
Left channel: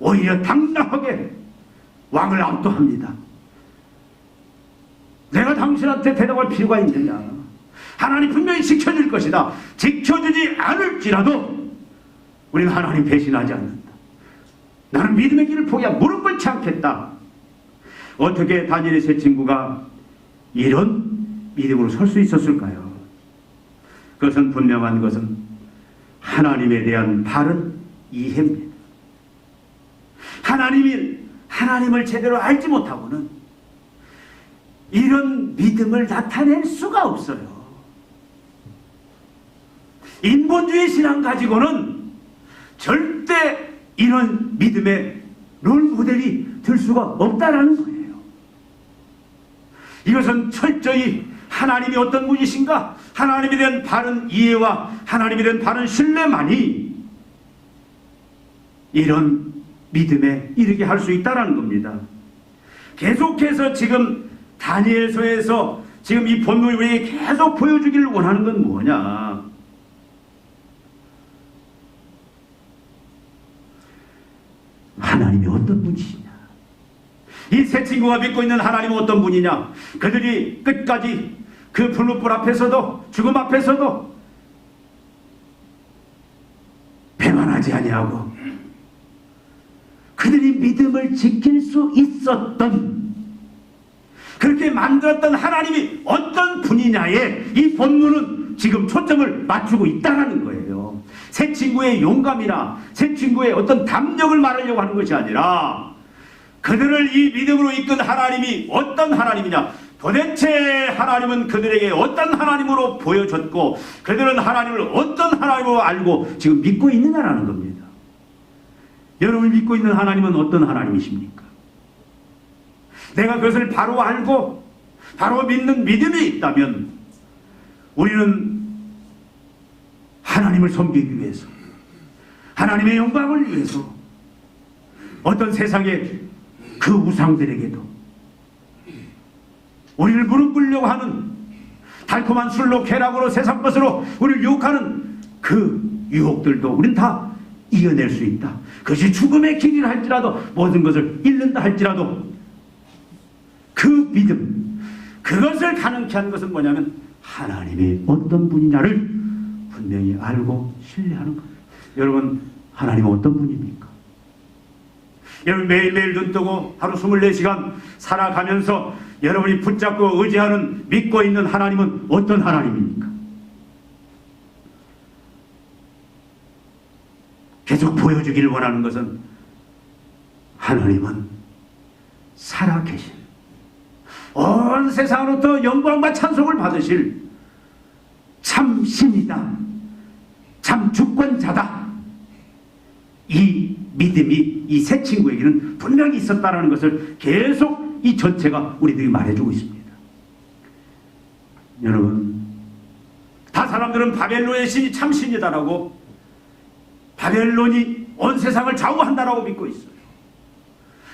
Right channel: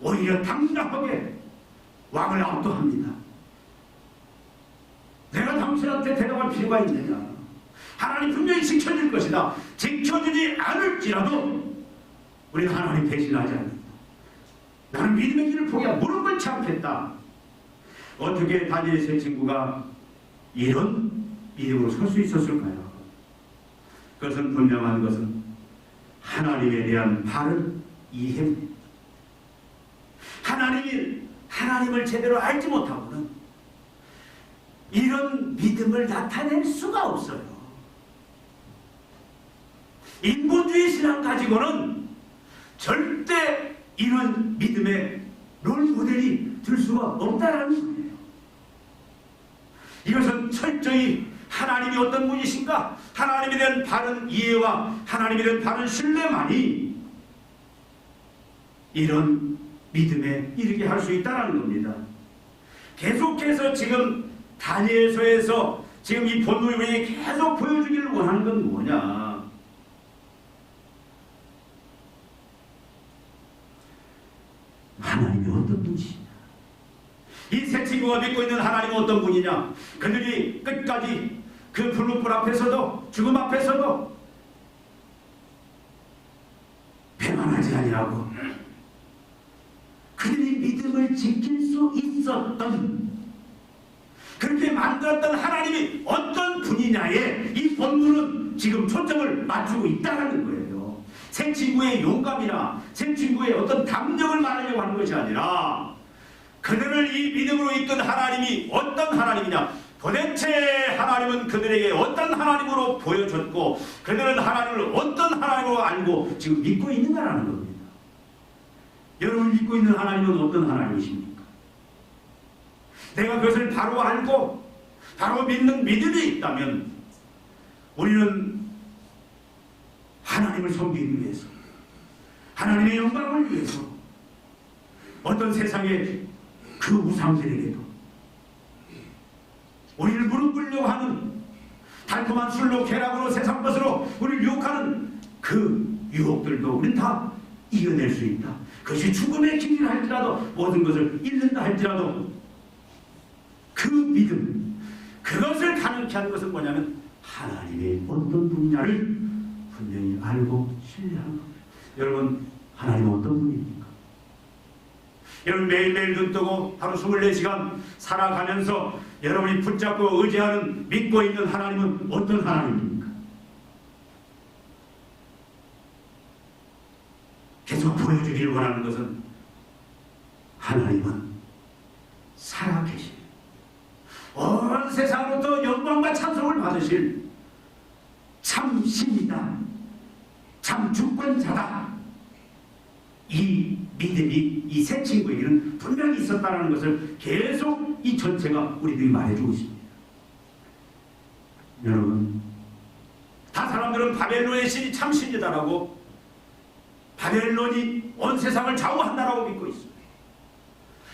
오히려 당당하게 왕을 압도합니다. 내가 당신한테 대답할 필요가 있느냐? 하나님 분명히 지켜줄 것이다. 지켜주지 않을지라도 우리는 하나님 배신하지 않는다. 나는 믿음의 길을 포기하고 무릎 꿇지 않겠다. 어떻게 다니엘의 세 친구가 이런 믿음으로 설 수 있었을까요? 그것은 분명한 것은 하나님에 대한 바른 이해입니다. 하나님을 제대로 알지 못하고는 이런 믿음을 나타낼 수가 없어요. 인본주의 신앙 가지고는 절대 이런 믿음의 롤모델이 될 수가 없다는 거예요. 이것은 철저히 하나님이 어떤 분이신가, 하나님에 대한 바른 이해와 하나님에 대한 바른 신뢰만이 이런 믿음에 이르게 할 수 있다는 겁니다. 계속해서 지금 다니엘서에서 지금 이 본문이 우리에게 계속 보여주기를 원하는 건 뭐냐? 하나님이 어떤 분이시냐? 이 세 친구가 믿고 있는 하나님은 어떤 분이냐? 그들이 끝까지 그 풀무불 앞에서도 죽음 앞에서도 배반하지 아니하고 그들이 믿음을 지킬 수 있었던 그렇게 만들었던 하나님이 어떤 분이냐에 이 본문은 지금 초점을 맞추고 있다는 거예요. 새 친구의 용감이나 새 친구의 어떤 담력을 말하려고 하는 것이 아니라 그들을 이 믿음으로 이끈 하나님이 어떤 하나님이냐, 도대체 하나님은 그들에게 어떤 하나님으로 보여줬고 그들은 하나님을 어떤 하나님으로 알고 지금 믿고 있느냐라는 겁니다. 여러분이 믿고 있는 하나님은 어떤 하나님이십니까? 내가 그것을 바로 알고 바로 믿는 믿음이 있다면 우리는 하나님을 섬기기 위해서, 하나님의 영광을 위해서 어떤 세상의 그 우상들에게도 우리를 무릎 꿇려고 하는 달콤한 술로 쾌락으로 세상 것으로 우리를 유혹하는 그 유혹들도 우리는 다 이겨낼 수 있다. 그것이 죽음의 길이라 할지라도, 모든 것을 잃는다 할지라도 그 믿음, 그것을 가능케 하는 것은 뭐냐면 하나님이 어떤 분이냐를 분명히 알고 신뢰하는 겁니다. 여러분, 하나님은 어떤 분입니까? 여러분, 매일매일 눈뜨고 하루 24시간 살아가면서 여러분이 붙잡고 의지하는, 믿고 있는 하나님은 어떤 하나님입니까? 계속 보여주기를 원하는 것은 하나님은 살아계신, 온 세상으로부터 영광과 찬송을 받으실 참 신이다, 참 주권자다. 이 믿음이 이 새 친구에게는 분명히 있었다는 것을 계속 이 전체가 우리들이 말해주고 있습니다. 여러분, 다 사람들은 바벨론의 신이 참 신이다라고, 바벨론이 온 세상을 좌우한다라고 믿고 있어요.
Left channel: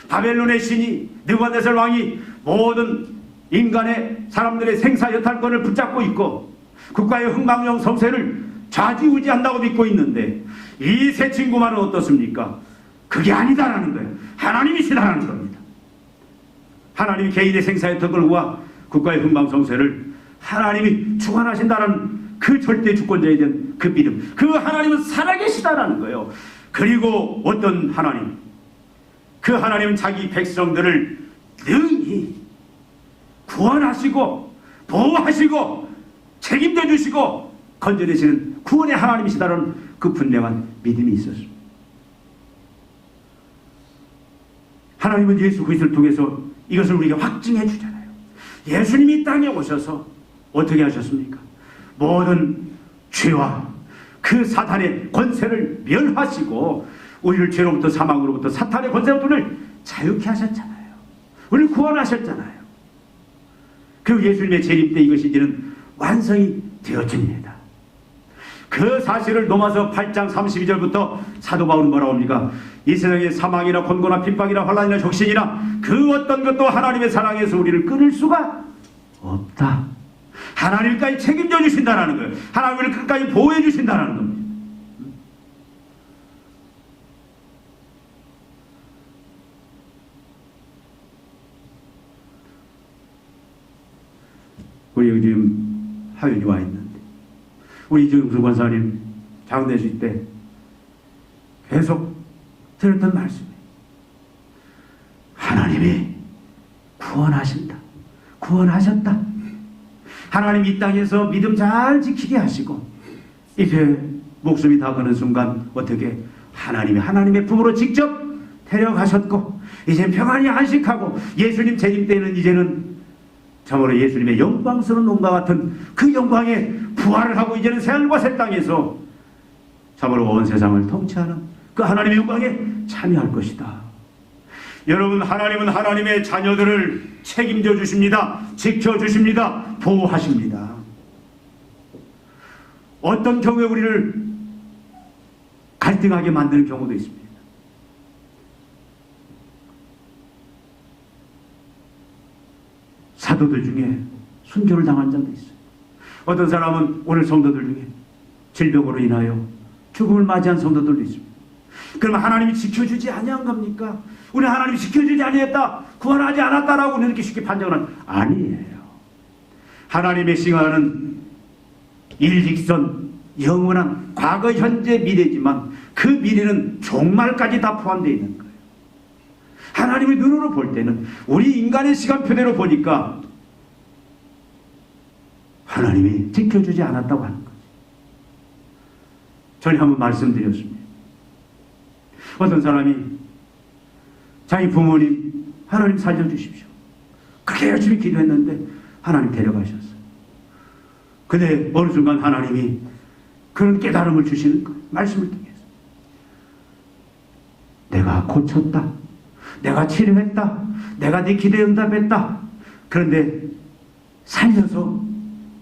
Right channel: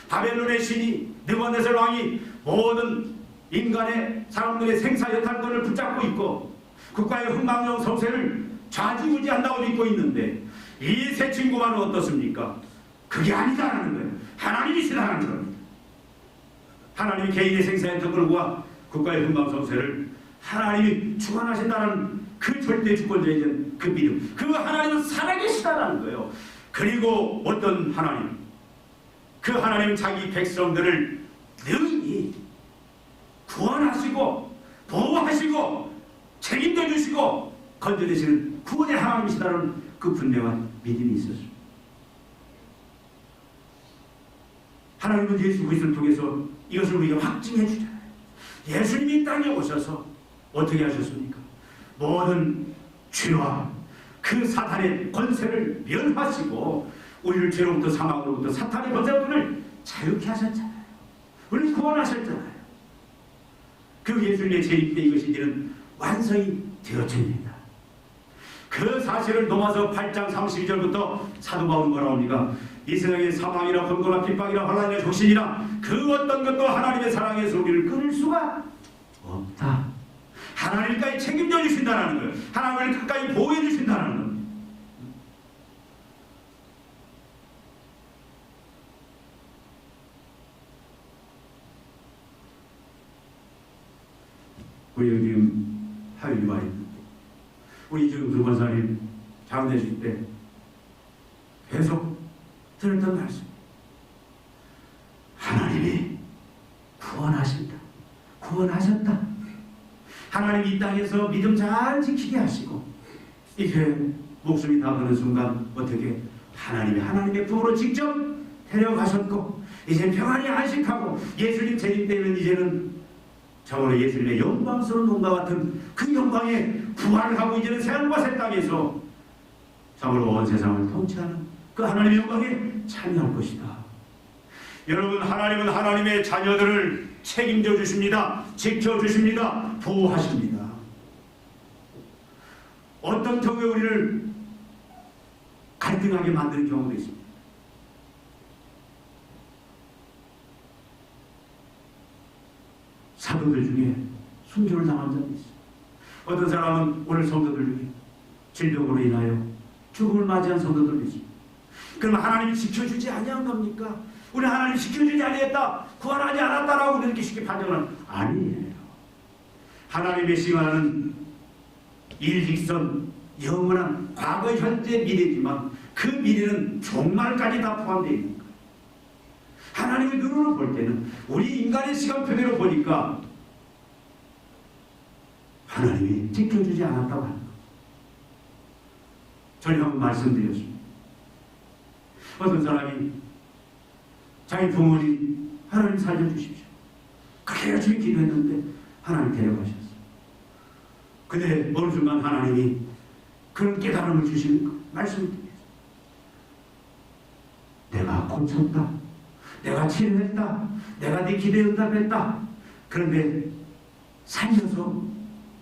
바벨론의 신이, 느부갓네살 왕이 모든 인간의 사람들의 생사 여탈권을 붙잡고 있고 국가의 흥망성 성세를 좌지우지한다고 믿고 있는데, 이 새 친구만은 어떻습니까? 그게 아니다라는 거예요. 하나님이시다라는 겁니다. 하나님이 개인의 생사 여탈권과 국가의 흥망성세를 하나님이 주관하신다는 그 절대 주권자에 대한 그 믿음, 그 하나님은 살아계시다라는 거예요. 그리고 어떤 하나님, 그 하나님은 자기 백성들을 능히 구원하시고 보호하시고 책임져 주시고 건져내시는 구원의 하나님이시다라는 그 분명한 믿음이 있었습니다. 하나님은 예수 그리스도를 통해서 이것을 우리가 확증해 주잖아요. 예수님이 이 땅에 오셔서 어떻게 하셨습니까? 모든 죄와 그 사탄의 권세를 멸하시고 우리를 죄로부터, 사망으로부터, 사탄의 권세로부터 자유케 하셨잖아요. 우리를 구원하셨잖아요. 그 예수님의 재림 때 이것이 이제는 완성이 되어집니다. 그 사실을 로마서 8장 32절부터 사도 바울은 뭐라고 합니까? 이 세상에 사망이나 곤고나 핍박이나 환난이나 적신이나 그 어떤 것도 하나님의 사랑에서 우리를 끊을 수가 없다. 하나님까지 책임져 주신다는 거예요. 하나님을 끝까지 보호해 주신다는 겁니다. 우리 여기 지금 하윤이 와 있는데, 우리 이정수 권사님 장례식 때 계속 들었던 말씀이 하나님이 구원하신다, 구원하셨다. 하나님 이 땅에서 믿음 잘 지키게 하시고 이제 목숨이 다 가는 순간 어떻게 하나님의 품으로 직접 데려가셨고 이제 평안히 안식하고 예수님 재림 때는 이제는 참으로 예수님의 영광스러운 몸과 같은 그 영광에 부활을 하고 이제는 새하늘과 새 땅에서 참으로 온 세상을 통치하는 그 하나님의 영광에 참여할 것이다. 여러분, 하나님은 하나님의 자녀들을 책임져 주십니다. 지켜주십니다. 보호하십니다. 어떤 경우에 우리를 갈등하게 만드는 경우도 있습니다. 사도들 중에 순교를 당한 자도 있어요. 어떤 사람은 오늘 성도들 중에 질병으로 인하여 죽음을 맞이한 성도들도 있습니다. 그럼 하나님이 지켜주지 아니한 겁니까? 우리 하나님이 지켜주지 아니했다, 구원하지 않았다라고 이렇게 쉽게 판정은 아니에요. 하나님의 시간은 일직선, 영원한 과거, 현재, 미래지만 그 미래는 종말까지 다 포함되어 있는 거예요. 하나님의 눈으로 볼 때는 우리 인간의 시간표대로 보니까 하나님이 지켜주지 않았다고 하는 거예요. 전에 한번 말씀드렸습니다. 어떤 사람이 자기 부모님 하나님 살려주십시오. 그렇게 열심히 기도했는데 하나님 데려가셨어요. 근데 어느 순간 하나님이 그런 깨달음을 주시는 거 말씀을 통해서 내가 고쳤다. 내가 치료했다. 내가 네 기도에 응답했다. 그런데 살려서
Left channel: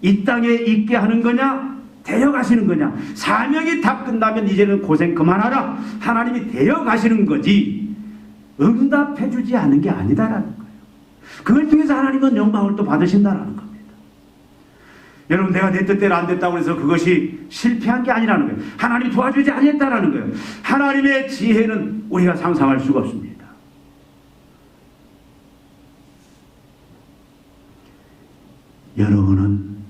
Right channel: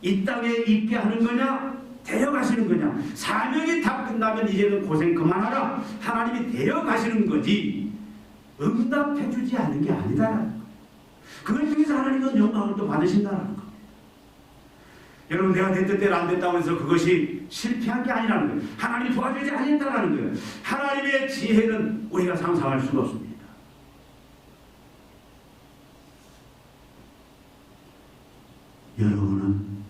이 땅에 있게 하는 거냐? 데려가시는 거냐? 사명이 다 끝나면 이제는 고생 그만하라. 하나님이 데려가시는 거지 응답해주지 않은 게 아니다라는 거예요. 그걸 통해서 하나님은 영광을 또 받으신다라는 겁니다. 여러분, 내가 내 뜻대로 안 됐다고 해서 그것이 실패한 게 아니라는 거예요. 하나님이 도와주지 않았다라는 거예요. 하나님의 지혜는 우리가 상상할 수가 없습니다. 여러분은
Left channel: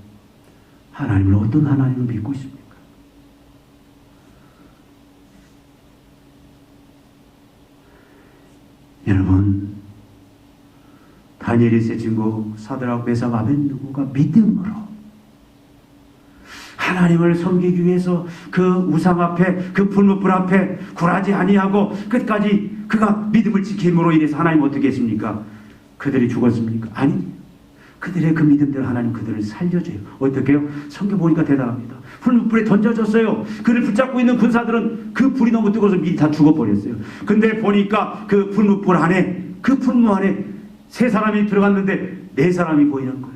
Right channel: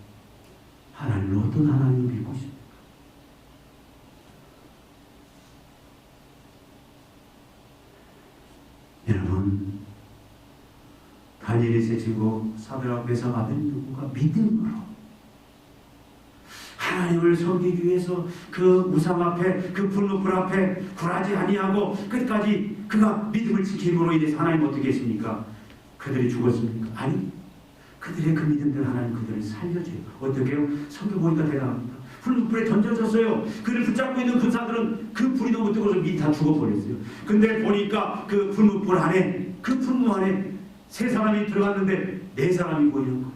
하나님을 어떤 하나님을 믿고 있습니까? 여러분, 다니엘이 세 친구 사드락 메삭 아벳느고가 믿음으로 하나님을 섬기기 위해서 그 우상 앞에 그 불못불 앞에 굴하지 아니하고 끝까지 그가 믿음을 지킴으로 인해서 하나님 어떻게 했습니까? 그들이 죽었습니까? 아니, 그들의 그 믿음대로 하나님 그들을 살려줘요. 어떻게 해요? 성경 보니까 대단합니다. 불못불에 던져졌어요. 그를 붙잡고 있는 군사들은 그 불이 너무 뜨거워서 미리 다 죽어버렸어요. 근데 보니까 그 불못불 안에, 그 풀무 안에 세 사람이 들어갔는데 네 사람이 보이는 거예요.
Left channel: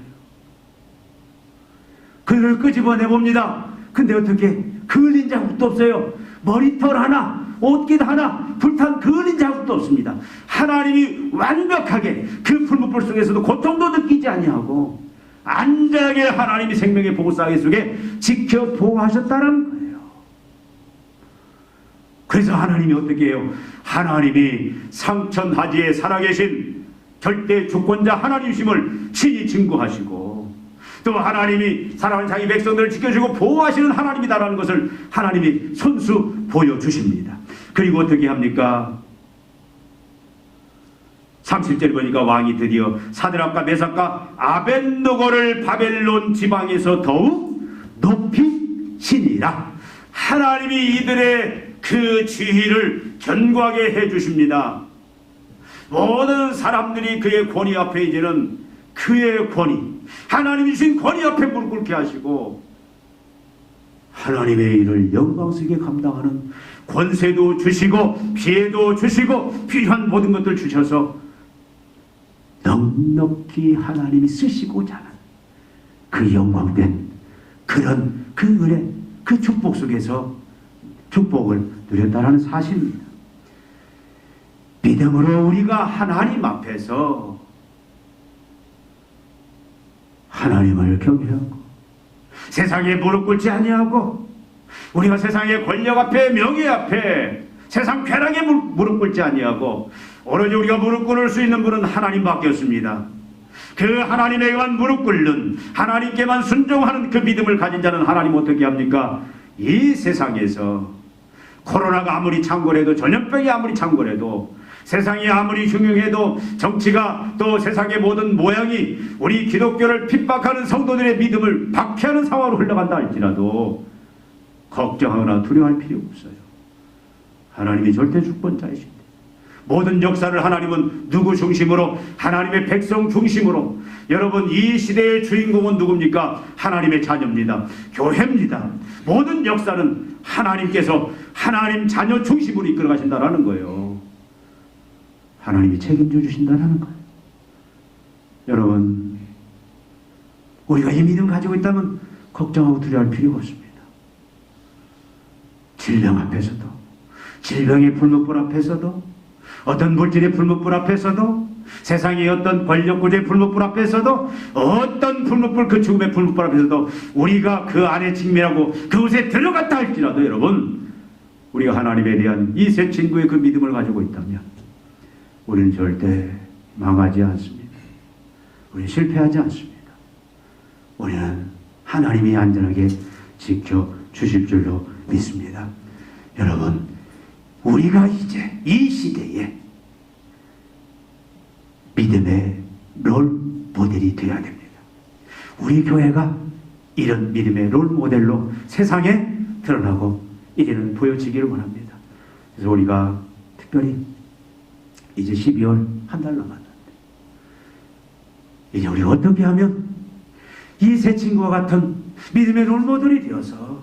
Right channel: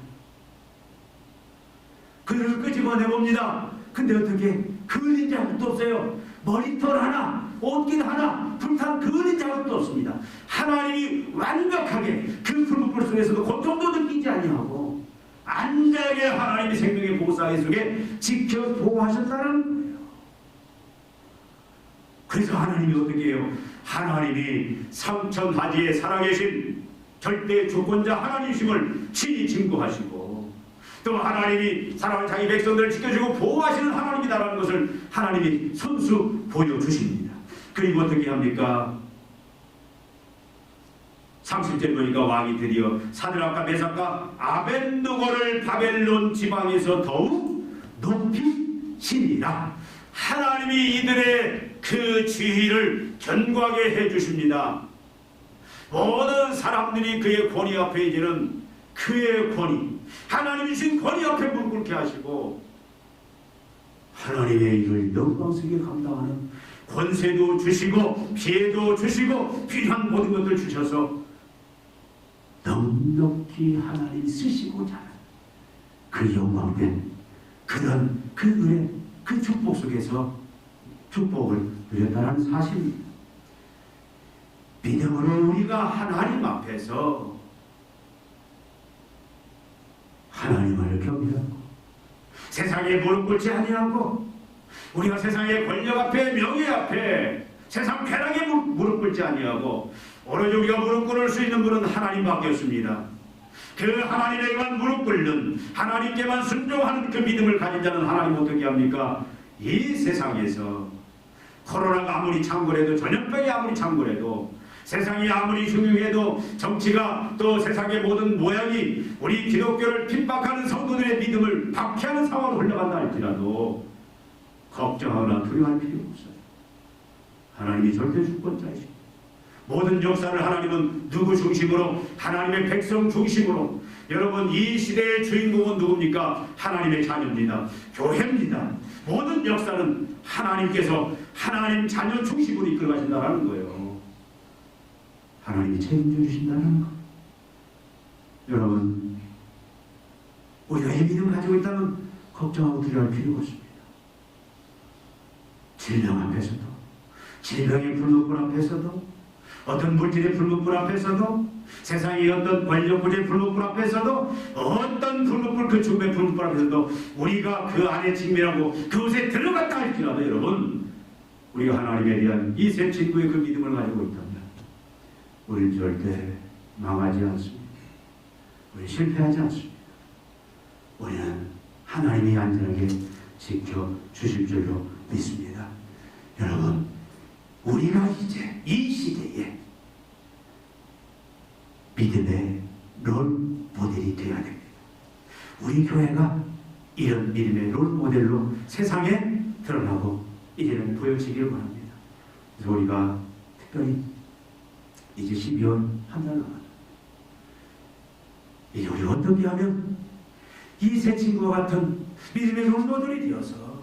그들을 끄집어내봅니다. 근데 어떻게? 그을린 자국도 없어요. 머리털 하나, 옷깃 하나, 불탄 그을린 자국도 없습니다. 하나님이 완벽하게 그 풀무불 속에서도 고통도 느끼지 아니하고 안전하게 하나님이 생명의 보호사기 속에 지켜 보호하셨다는 거예요. 그래서 하나님이 어떻게 해요? 하나님이 상천하지에 살아계신 절대 주권자 하나님이심을 친히 증거하시고 또 하나님이 사랑하는 자기 백성들을 지켜주고 보호하시는 하나님이다라는 것을 하나님이 손수 보여주십니다. 그리고 어떻게 합니까? 30절 보니까 왕이 드디어 사드락과 메삭과 아벳느고를 바벨론 지방에서 더욱 높이시니라. 하나님이 이들의 그 지위를 견고하게 해주십니다. 모든 사람들이 그의 권위 앞에 이제는 그의 권위, 하나님이신 권위 앞에 무릎 꿇게 하시고 하나님의 일을 영광스럽게 감당하는 권세도 주시고 피해도 주시고 필요한 모든 것들 주셔서 넉넉히 하나님이 쓰시고자 하는 그 영광된 그런 그 은혜, 그 축복 속에서 축복을 누렸다는 사실입니다. 믿음으로 우리가 하나님 앞에서 하나님을 경외하고 세상에 무릎 꿇지 아니하고 우리가 세상의 권력 앞에 명예 앞에 세상 쾌락에 무릎 꿇지 아니하고 오로지 우리가 무릎 꿇을 수 있는 분은 하나님밖에 없습니다. 그 하나님에게만 무릎 꿇는 하나님께만 순종하는 그 믿음을 가진 자는 하나님 어떻게 합니까? 이 세상에서 코로나가 아무리 창궐해도 전염병이 아무리 창궐해도 세상이 아무리 흉흉해도 정치가 또 세상의 모든 모양이 우리 기독교를 핍박하는 성도들의 믿음을 박해하는 상황으로 흘러간다 할지라도 걱정하거나 두려워할 필요 없어요. 하나님이 절대 주권자이십니다. 모든 역사를 하나님은 누구 중심으로? 하나님의 백성 중심으로. 여러분, 이 시대의 주인공은 누굽니까? 하나님의 자녀입니다. 교회입니다. 모든 역사는 하나님께서 하나님 자녀 중심으로 이끌어 가신다는 거예요. 하나님이 책임져 주신다는 거예요. 여러분, 우리가 이 믿음 가지고 있다면 걱정하고 두려워할 필요가 없습니다. 질병 앞에서도, 질병의 불못불 앞에서도, 어떤 물질의 불못불 앞에서도, 세상의 어떤 권력구조의 불못불 앞에서도, 어떤 불못불, 그 죽음의 불못불 앞에서도 우리가 그 안에 직면하고 그곳에 들어갔다 할지라도 여러분, 우리가 하나님에 대한 이 세 친구의 그 믿음을 가지고 있다면 우리는 절대 망하지 않습니다. 우리는 실패하지 않습니다. 우리는 하나님이 안전하게 지켜주실 줄로 믿습니다. 여러분, 우리가 이제 이 시대에 믿음의 롤 모델이 되어야 됩니다. 우리 교회가 이런 믿음의 롤 모델로 세상에 드러나고 이제는 보여지기를 원합니다. 그래서 우리가 특별히 이제 12월 한 달 남았는데 이제 우리가 어떻게 하면 이 세 친구와 같은 믿음의 롤 모델이 되어서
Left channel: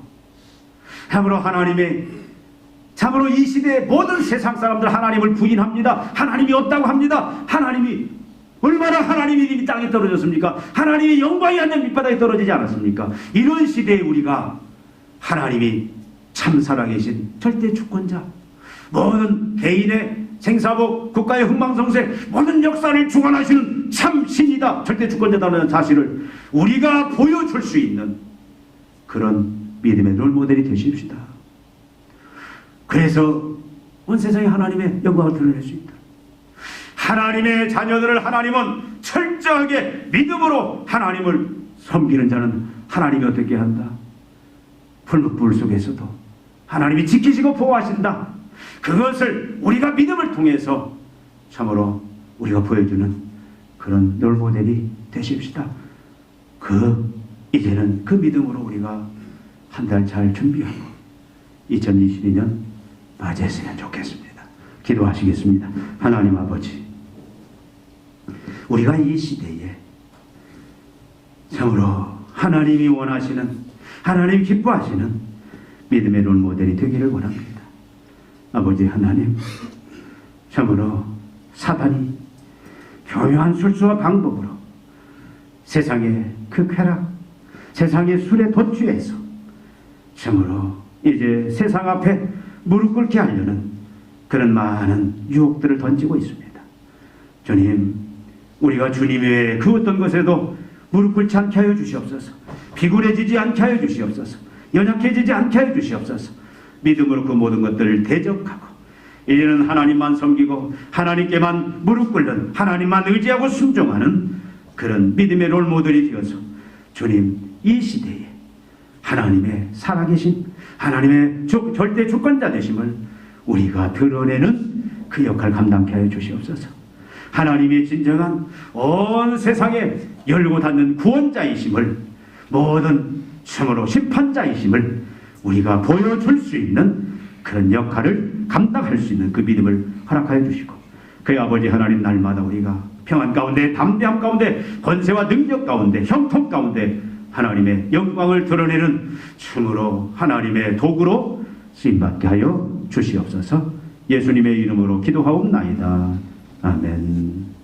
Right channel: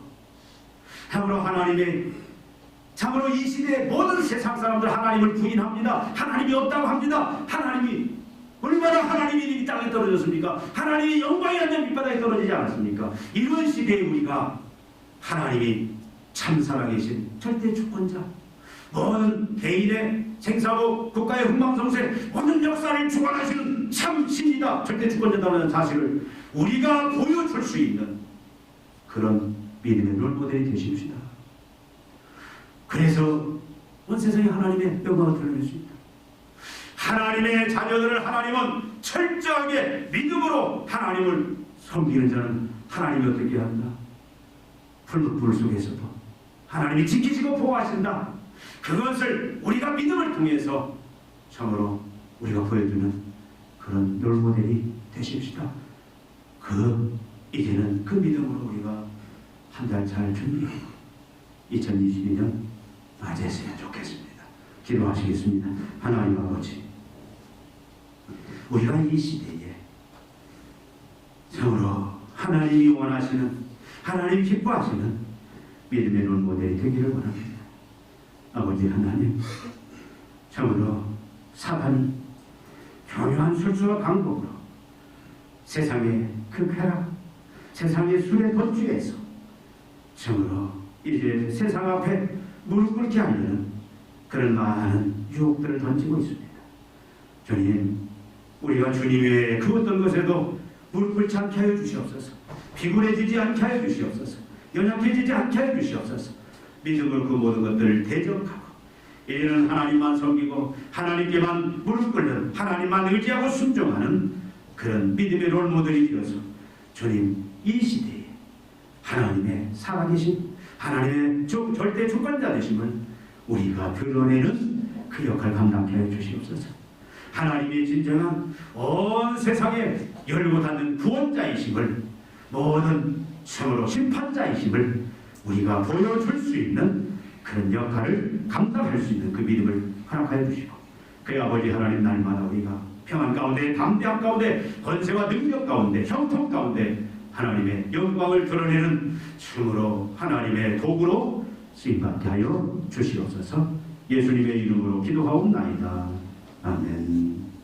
참으로 이 시대의 모든 세상 사람들 하나님을 부인합니다. 하나님이 없다고 합니다. 하나님이 얼마나 하나님이 이 땅에 떨어졌습니까? 하나님의 영광이 완전 밑바닥에 떨어지지 않았습니까? 이런 시대에 우리가 하나님이 참 살아계신 절대 주권자, 모든 개인의 생사복, 국가의 흥망성쇠, 모든 역사를 주관하시는 참 신이다, 절대 주권자다는 사실을 우리가 보여줄 수 있는 그런 믿음의 롤모델이 되십시다. 그래서 온 세상에 하나님의 영광을 드러낼 수 있다. 하나님의 자녀들을 하나님은 철저하게 믿음으로 하나님을 섬기는 자는 하나님이 어떻게 한다? 풀무불 속에서도 하나님이 지키시고 보호하신다. 그것을 우리가 믿음을 통해서 참으로 우리가 보여주는 그런 롤모델이 되십시다. 이제는 그 믿음으로 우리가 한 달 잘 준비하고 2022년 맞이했으면 좋겠습니다. 기도하시겠습니다. 하나님 아버지, 우리가 이 시대에 참으로 하나님이 원하시는, 하나님이 기뻐하시는 믿음의 롤모델이 되기를 원합니다. 아버지 하나님, 참으로 사단이 교묘한 술수와 방법으로 세상의 그 쾌락, 세상의 술에 도취해서 참으로 이제 세상 앞에 무릎 꿇게 하려는 그런 많은 유혹들을 던지고 있습니다. 주님, 우리가 주님 외에 그 어떤 것에도 무릎 꿇지 않게 하여 주시옵소서. 비굴해지지 않게 하여 주시옵소서. 연약해지지 않게 하여 주시옵소서. 믿음으로 그 모든 것들을 대적하고 이제는 하나님만 섬기고 하나님께만 무릎 꿇는, 하나님만 의지하고 순종하는 그런 믿음의 롤모델이 되어서 주님, 이 시대에 하나님의 살아계신 하나님의 절대 주권자 되심을 우리가 드러내는 그 역할 감당케 하여 주시옵소서. 하나님의 진정한 온 세상에 열고 닫는 구원자이심을, 모든 참으로 심판자이심을 우리가 보여줄 수 있는 그런 역할을 감당할 수 있는 그 믿음을 허락하여 주시고, 그 아버지 하나님, 날마다 우리가 평안 가운데, 담대함 가운데, 권세와 능력 가운데, 형통 가운데 하나님의 영광을 드러내는 참으로 하나님의 도구로 쓰임받게 하여 주시옵소서. 예수님의 이름으로 기도하옵나이다. 아멘.